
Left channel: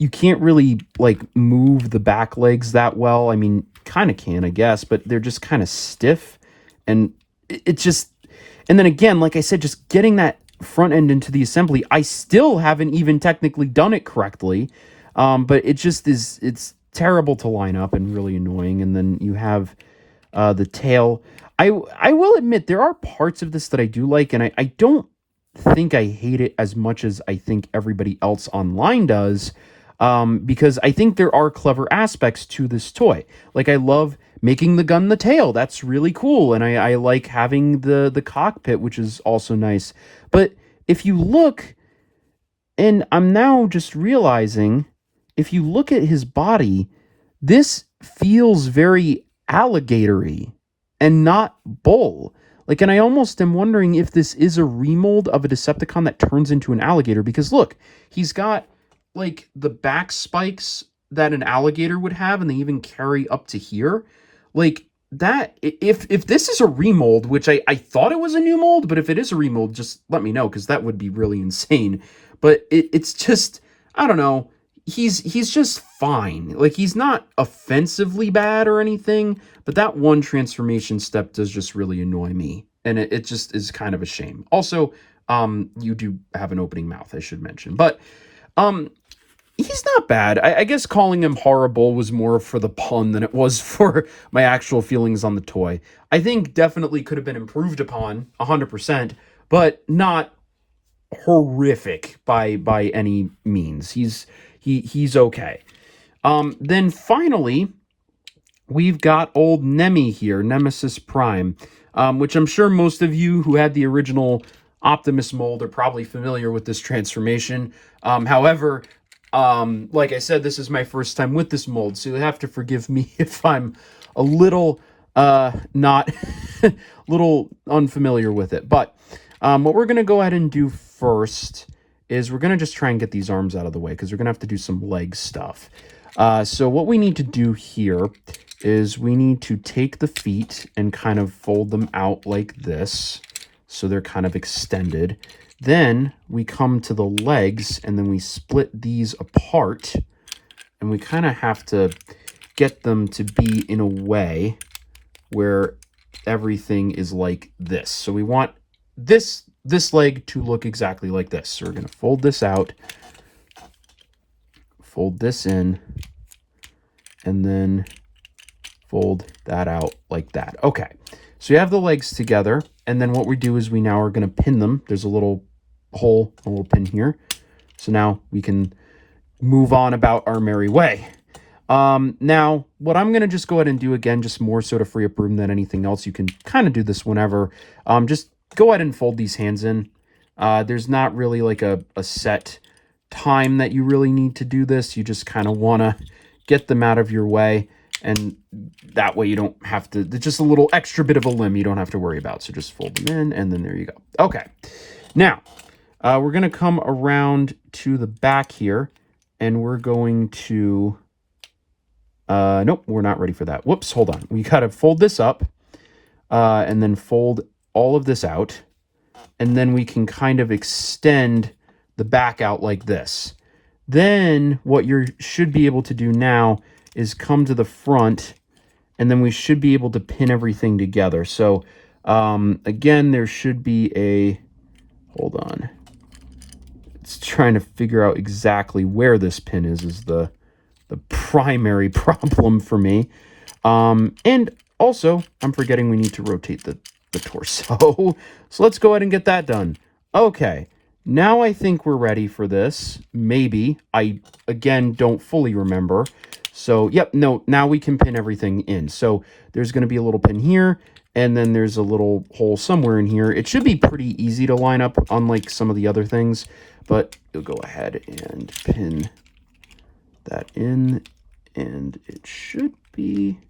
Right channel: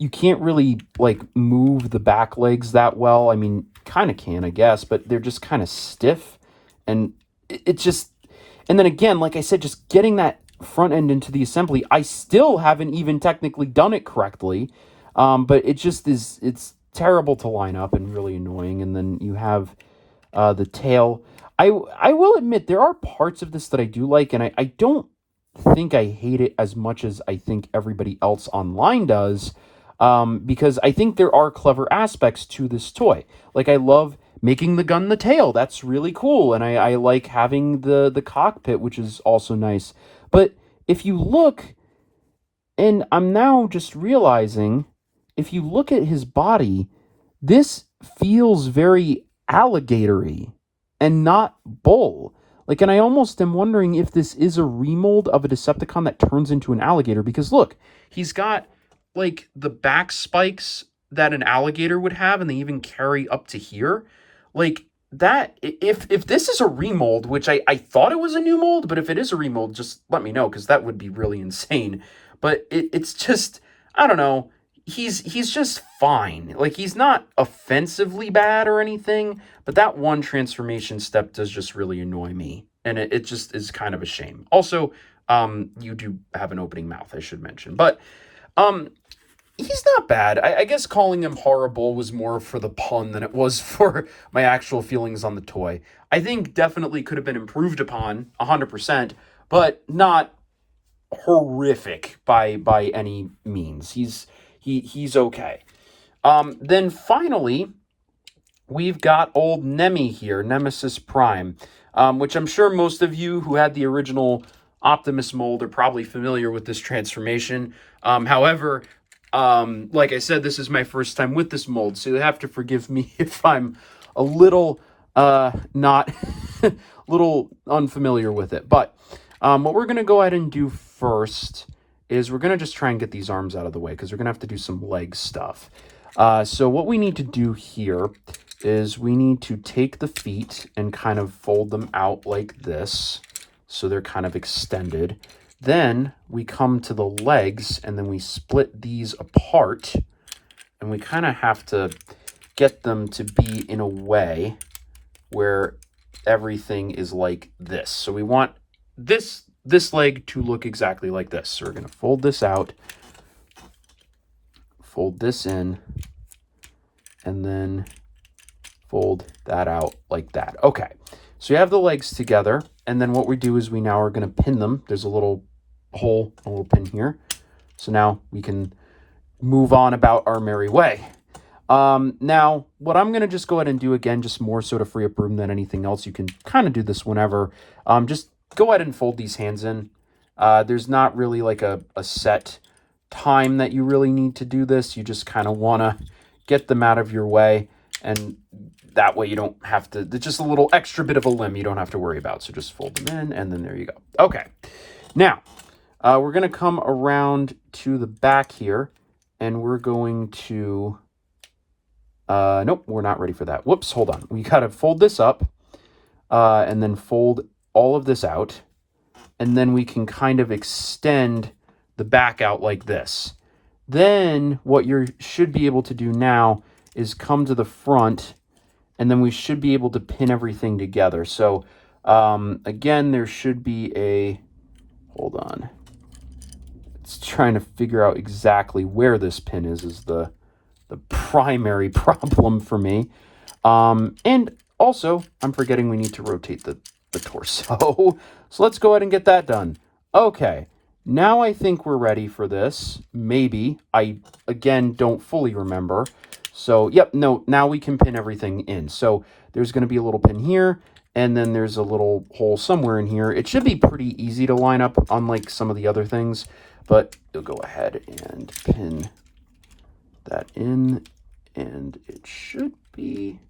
really like move the back legs that well. I mean, kind of can, I guess, but they're just kind of stiff, and it just, and then again, like I said, just getting that front end into the assembly, I still haven't even technically done it correctly. But it just is, it's terrible to line up and really annoying. And then you have the tail. I will admit there are parts of this that I do like, and I don't think I hate it as much as I think everybody else online does, because I think there are clever aspects to this toy. Like I love making the gun the tail. That's really cool, and I like having the cockpit, which is also nice. But if you look, and I'm now just realizing, if you look at his body, this feels very alligator-y and not bull. Like, and I almost am wondering if this is a remold of a Decepticon that turns into an alligator, because look, he's got like the back spikes that an alligator would have, and they even carry up to here. Like that, if this is a remold, which I thought it was a new mold, but if it is a remold, just let me know, because that would be really insane. But it's just, I don't know, he's just fine. Like he's not offensively bad or anything, but that one transformation step does just really annoy me, and it just is kind of a shame. Also, you do have an opening mouth, I should mention, but he's not bad. I guess calling him horrible was more for the pun than it was for my actual feelings on the toy. I think definitely could have been improved upon 100%, but not horrific by any means. He's okay. Then finally, we've got old Nemi here, Nemesis Prime, which I'm sure most of you who had the original Optimus mold are probably familiar with this transformation. However, like I said, this is my first time with this mold, so you have to forgive me if I'm a little not little unfamiliar with it. But what we're gonna go ahead and do first is we're gonna just try and get these arms out of the way, because we're gonna have to do some leg stuff. So what we need to do here is we need to take the feet and kind of fold them out like this, so they're kind of extended. Then we come to the legs, and then we split these apart, and we kind of have to get them to be in a way where everything is like this. So we want this leg to look exactly like this. So we're going to fold this out, fold this in, and then fold that out like that. Okay, so you have the legs together, and then what we do is we now are going to pin them. There's a little hole, a little pin here. So now we can move on about our merry way. Now, what I'm going to just go ahead and do again, just more so to free up room than anything else. You can kind of do this whenever. Just go ahead and fold these hands in. There's not really like a set time that you really need to do this. You just kind of want to get them out of your way, and that way you don't have to, it's just a little extra bit of a limb you don't have to worry about. So just fold them in, and then there you go. Okay, now we're going to come around to the back here, and we're going to, nope, we're not ready for that. Whoops, hold on. We got to fold this up, and then fold all of this out, and then we can kind of extend the back out like this. Then what you should be able to do now is come to the front, and then we should be able to pin everything together. So again, there should be a, hold on, it's trying to figure out exactly where this pin is the primary problem for me. And also, I'm forgetting we need to rotate the torso. So let's go ahead and get that done. Okay, now I think we're ready for this. Maybe. I, again, don't fully remember. So, yep, no, now we can pin everything in. So there's going to be a little pin here, and then there's a little hole somewhere in here. It should be pretty easy to line up, unlike some of the other things. But you'll go ahead and pin that in, and it should be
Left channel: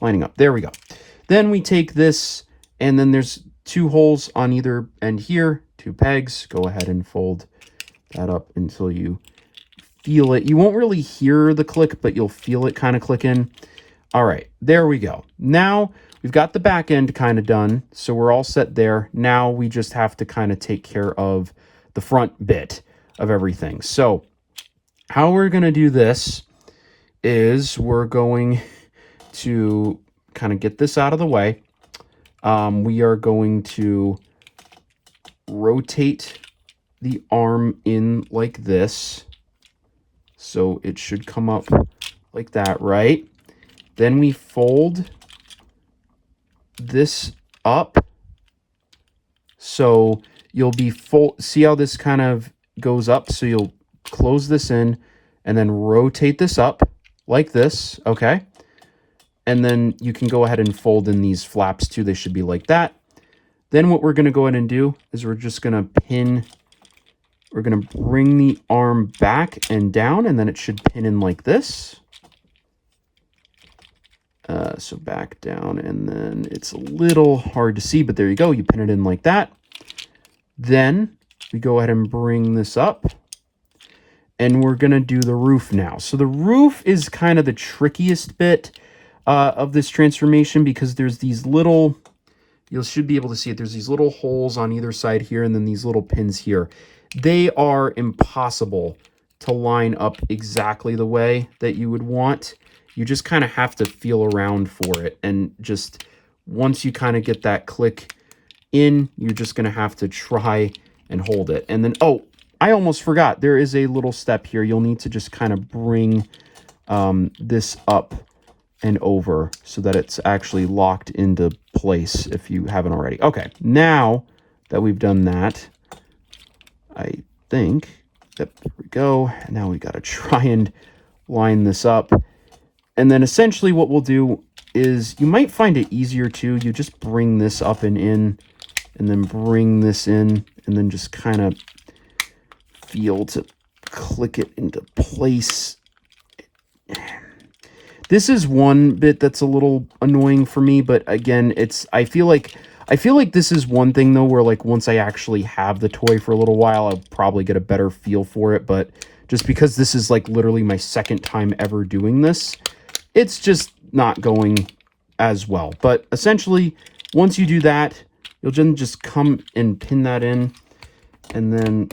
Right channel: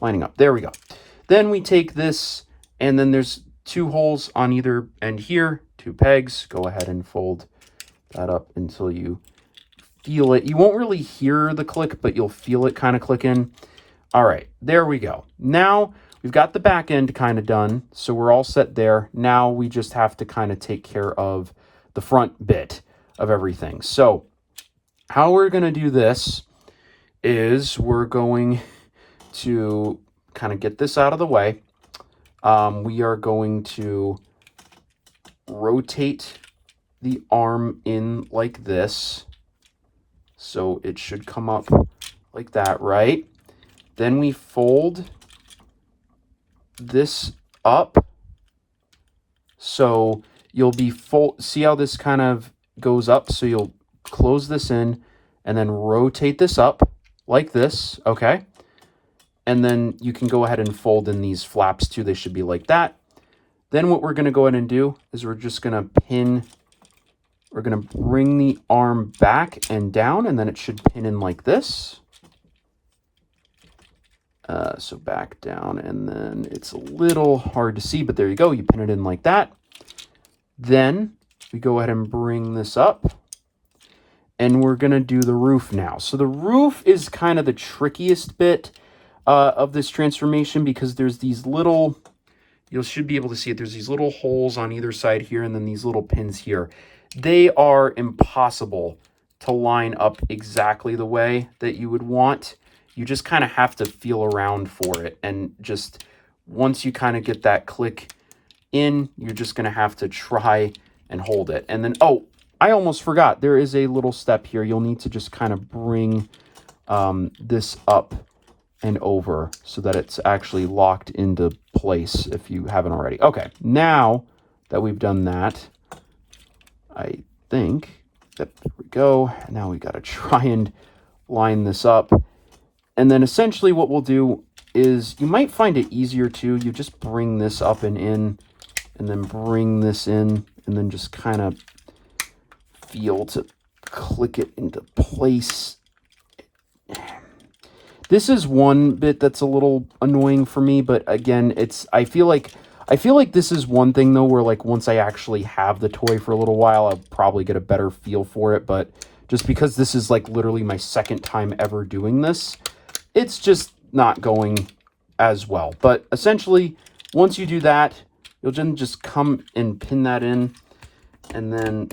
lining up. There we go. Then we take this, and then there's 2 holes on either end here, 2 pegs. Go ahead and fold that up until you feel it. You won't really hear the click, but you'll feel it kind of click in. All right, there we go. Now we've got the back end kind of done, so we're all set there. Now we just have to kind of take care of the front bit of everything. So how we're going to do this is we're going to kind of get this out of the way. We are going to rotate the arm in like this. So it should come up like that, right? Then we fold this up. So you'll be see how this kind of goes up? So you'll close this in and then rotate this up like this, okay? And then you can go ahead and fold in these flaps too. They should be like that. Then what we're going to go ahead and do is we're just going to pin, we're going to bring the arm back and down, and then it should pin in like this. So back down, and then it's a little hard to see, but there you go. You pin it in like that. Then we go ahead and bring this up, and we're going to do the roof now. So the roof is kind of the trickiest bit of this transformation, because there's these little, you should be able to see it, there's these little holes on either side here, and then these little pins here. They are impossible to line up exactly the way that you would want. You just kind of have to feel around for it. And just once you kind of get that click in, you're just going to have to try and hold it. And then, oh, I almost forgot. There is a little step here. You'll need to just kind of bring this up and over so that it's actually locked into place if you haven't already. Okay, now that we've done that, I think, yep, there we go. Now we got to try and line this up. And then essentially what we'll do is, you might find it easier too, you just bring this up and in, and then bring this in, and then just kind of feel to click it into place. This is one bit that's a little annoying for me, but again, I feel like this is one thing though where, like, once I actually have the toy for a little while, I'll probably get a better feel for it. But just because this is like literally my second time ever doing this, it's just not going as well. But essentially, once you do that, you'll then just come and pin that in, and then,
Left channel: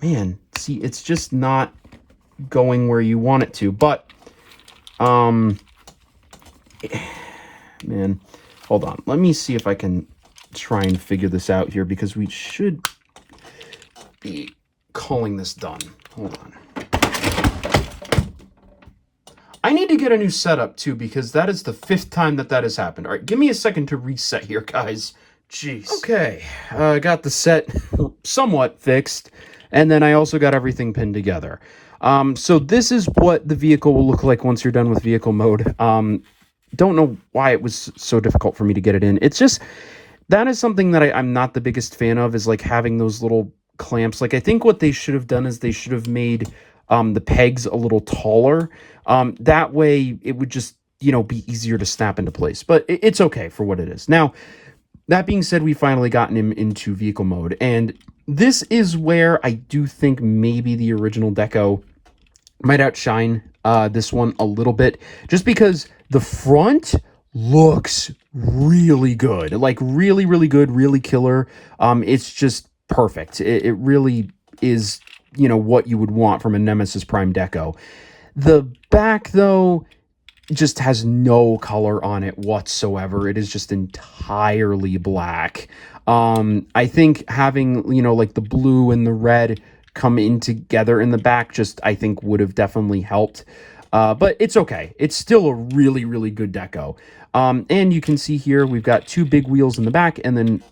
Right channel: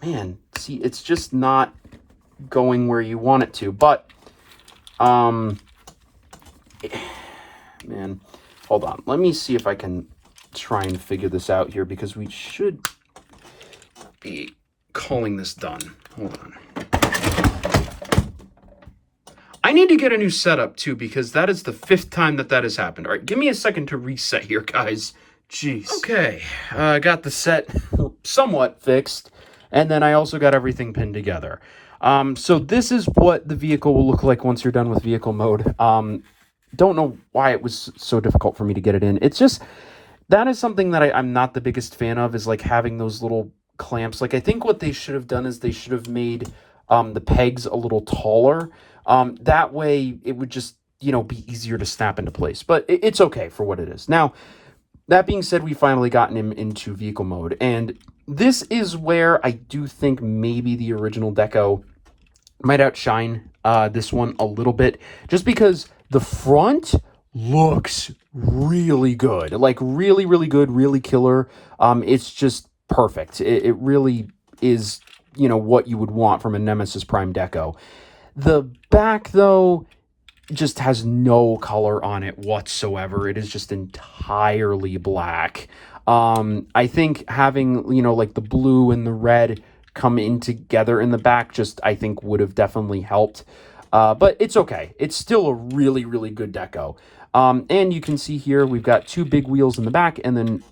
man, see, it's just not going where you want it to. But man, hold on, let me see if I can try and figure this out here, because we should be calling this done. Hold on, I need to get a new setup too, because that is the 5th time that has happened. All right, give me a second to reset here, guys. Jeez. Okay, I got the set somewhat fixed, and then I also got everything pinned together. So this is what the vehicle will look like once you're done with vehicle mode. Don't know why it was so difficult for me to get it in. It's just, that is something that I'm not the biggest fan of, is like having those little clamps. Like, I think what they should have done is they should have made the pegs a little taller. That way it would just, you know, be easier to snap into place. But it's okay for what it is. Now, that being said, we finally gotten him into vehicle mode, and this is where I do think maybe the original Deco might outshine this one a little bit, just because the front looks really good, like really, really good, really killer. It's just perfect. It really is, you know, what you would want from a Nemesis Prime Deco. The back, though, just has no color on it whatsoever. It is just entirely black. I think having, you know, like the blue and the red come in together in the back, just, I think, would have definitely helped. But it's okay. It's still a really, really good Deco. And you can see here, we've got 2 big wheels in the back, and then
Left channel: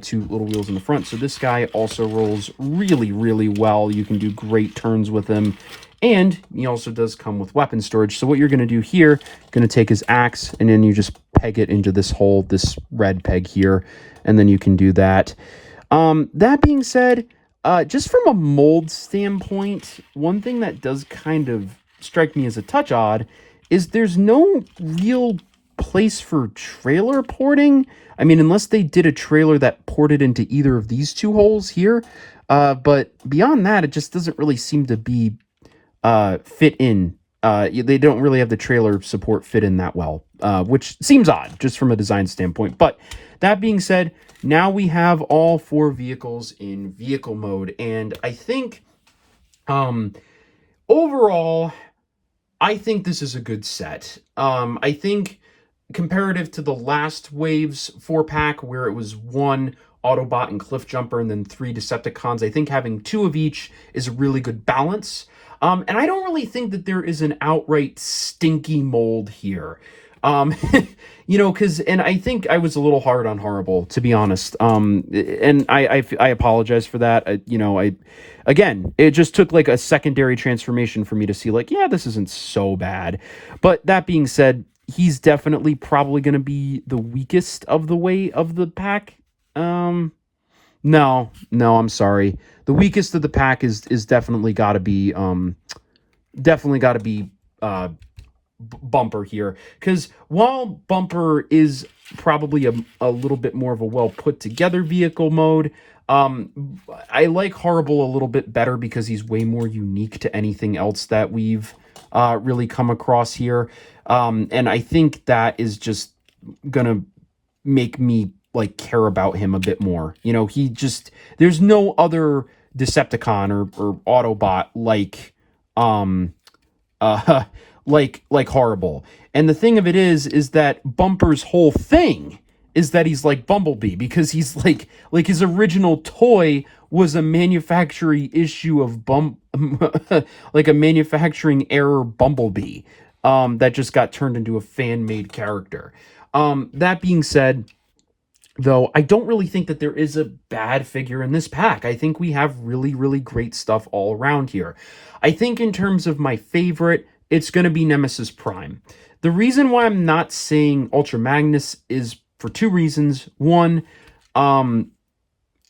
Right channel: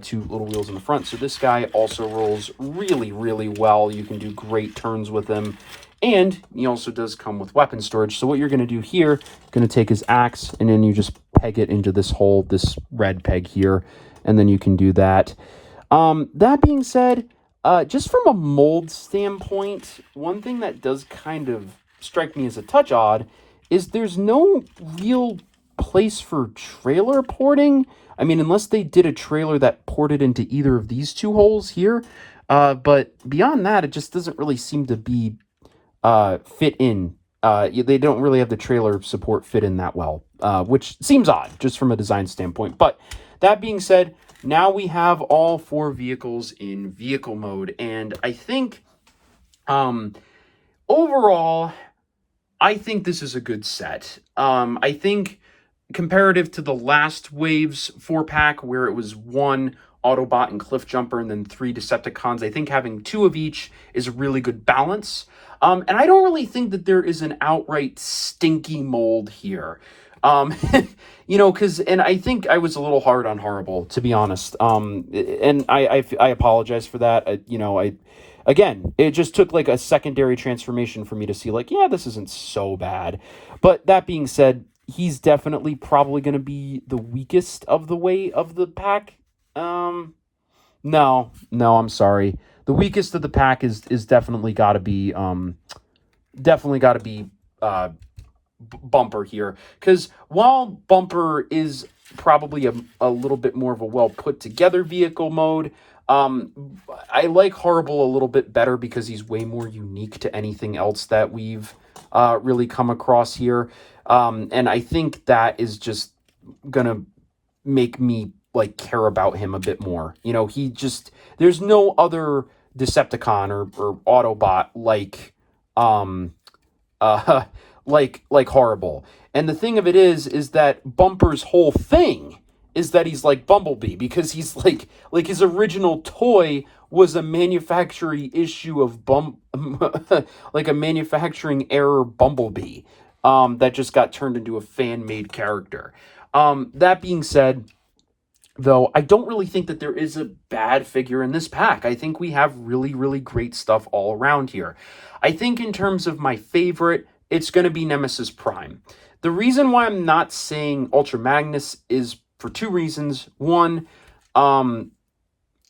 2 little wheels in the front. So this guy also rolls really, really well. You can do great turns with him. And he also does come with weapon storage. So what you're going to do here, going to take his axe, and then you just peg it into this hole, this red peg here, and then you can do that. That being said, just from a mold standpoint, one thing that does kind of strike me as a touch odd is there's no real place for trailer porting. I mean, unless they did a trailer that ported into either of these 2 holes here. But beyond that, it just doesn't really seem to be fit in. They don't really have the trailer support fit in that well, which seems odd just from a design standpoint. But that being said, now we have all 4 vehicles in vehicle mode, and I think overall, I think this is a good set. I think comparative to the last Waves 4-pack, where it was 1 Autobot and Cliffjumper and then 3 Decepticons, I think having 2 of each is a really good balance. And I don't really think that there is an outright stinky mold here. You know, and I think I was a little hard on Horrible, to be honest. And I apologize for that. Again, it just took like a secondary transformation for me to see, like, yeah, this isn't so bad. But that being said, he's definitely probably going to be the weakest of the pack. No, I'm sorry. The weakest of the pack is definitely got to be Bumper here, because while Bumper is probably a little bit more of a well put together vehicle mode, I like Horrible a little bit better because he's way more unique to anything else that we've really come across here, and I think that is just gonna make me like care about him a bit more. You know, there's no other Decepticon or Autobot like uh, like horrible. And the thing of it is that Bumper's whole thing is that he's like Bumblebee, because he's like his original toy was a manufacturing issue of like a manufacturing error Bumblebee, that just got turned into a fan made character. That being said, though, I don't really think that there is a bad figure in this pack. I think we have really, really great stuff all around here. I think in terms of my favorite, it's going to be Nemesis Prime. The reason why I'm not saying Ultra Magnus is for two reasons. One,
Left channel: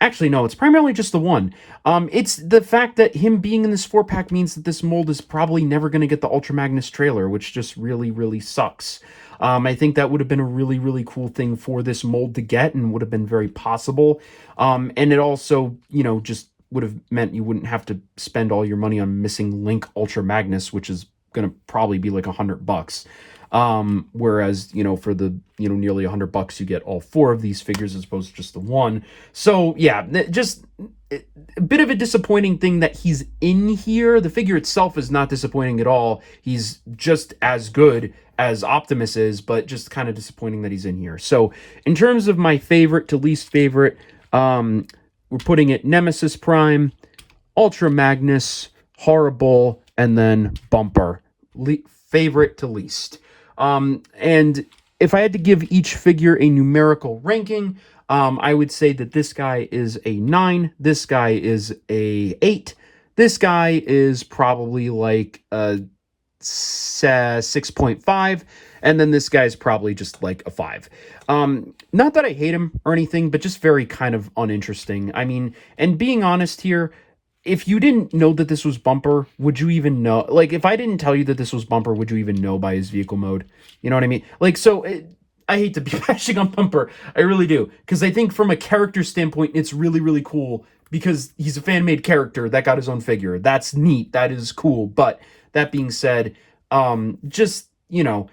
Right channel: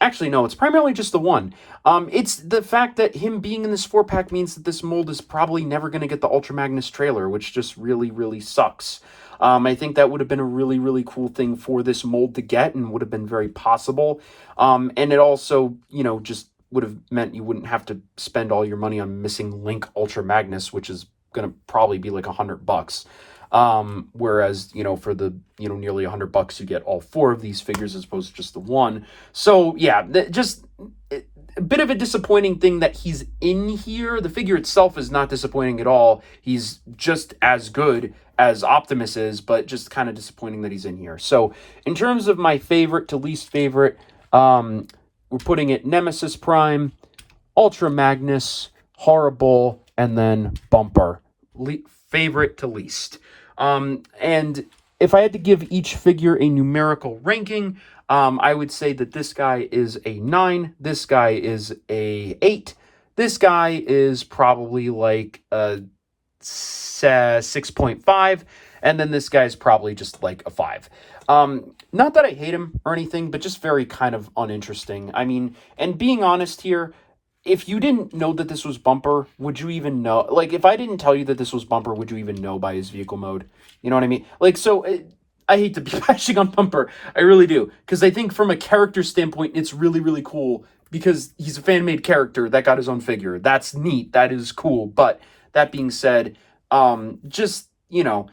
actually, no, it's primarily just the one. It's the fact that him being in this 4-pack means that this mold is probably never going to get the Ultra Magnus trailer, which just really, really sucks. I think that would have been a really, really cool thing for this mold to get, and would have been very possible. And it also, just would have meant you wouldn't have to spend all your money on missing Link Ultra Magnus, which is going to probably be like $100. Whereas, for the, nearly $100, you get all 4 of these figures as opposed to just the one. So yeah, just a bit of a disappointing thing that he's in here. The figure itself is not disappointing at all. He's just as good as Optimus is, but just kind of disappointing that he's in here. So in terms of my favorite to least favorite, we're putting it Nemesis Prime, Ultra Magnus, Horrible, and then Bumper. Favorite to least. And if I had to give each figure a numerical ranking, I would say that this guy is a 9, this guy is a 8, this guy is probably like a 6.5, and then this guy's probably just like a 5. Not that I hate him or anything, but just very kind of uninteresting. I mean, and being honest here, if you didn't know that this was Bumper, would you even know? Like, if I didn't tell you that this was Bumper, would you even know by his vehicle mode? You know what I mean? Like, so I hate to be bashing on Bumper. I really do. Because I think from a character standpoint, it's really, really cool. Because he's a fan-made character that got his own figure. That's neat. That is cool. But that being said, just, not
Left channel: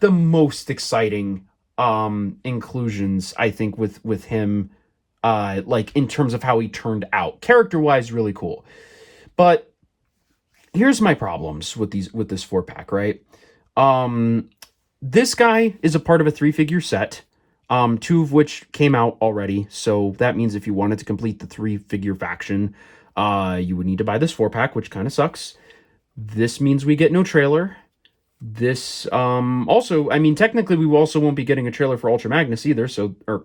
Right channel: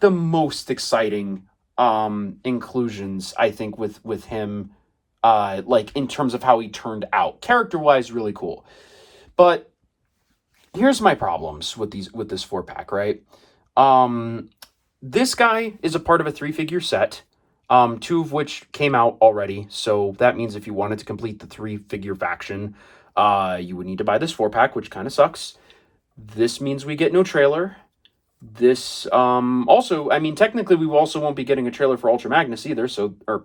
the most exciting inclusions, I think, with him. Like in terms of how he turned out, character-wise, really cool. But here's my problems with this 4-pack, right? This guy is a part of a 3-figure set, 2 of which came out already. So that means if you wanted to complete the 3-figure faction, you would need to buy this 4-pack, which kind of sucks. This means we get no trailer. This also, I mean, technically we also won't be getting a trailer for Ultra Magnus either, or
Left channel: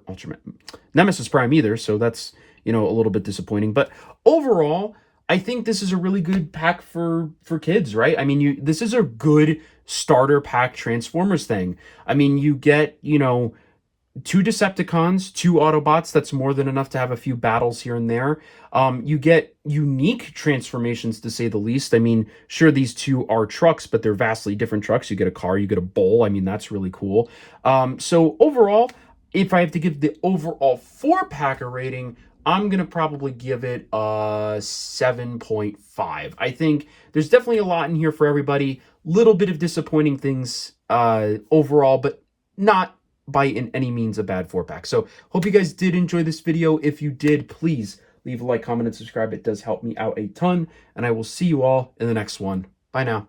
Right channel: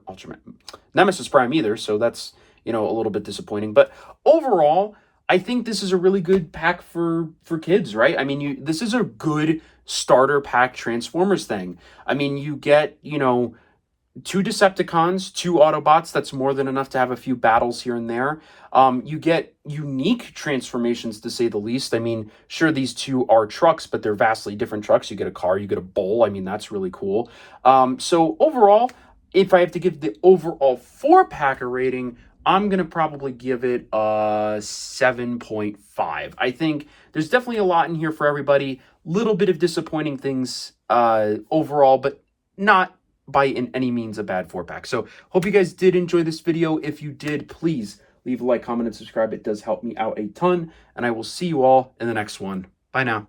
Nemesis Prime either, so that's, a little bit disappointing. But overall, I think this is a really good pack for kids, right? I mean, this is a good starter pack Transformers thing. I mean, you get, 2 Decepticons, 2 Autobots. That's more than enough to have a few battles here and there. You get unique transformations, to say the least. I mean, sure, these 2 are trucks, but they're vastly different trucks. You get a car, you get a bull. I mean, that's really cool. So overall, if I have to give the overall 4-pack a rating, I'm going to probably give it a 7.5. I think there's definitely a lot in here for everybody. Little bit of disappointing things overall, but not by in any means a bad 4-pack. So hope you guys did enjoy this video. If you did, please leave a like, comment, and subscribe. It does help me out a ton, and I will see you all in the next one. Bye now.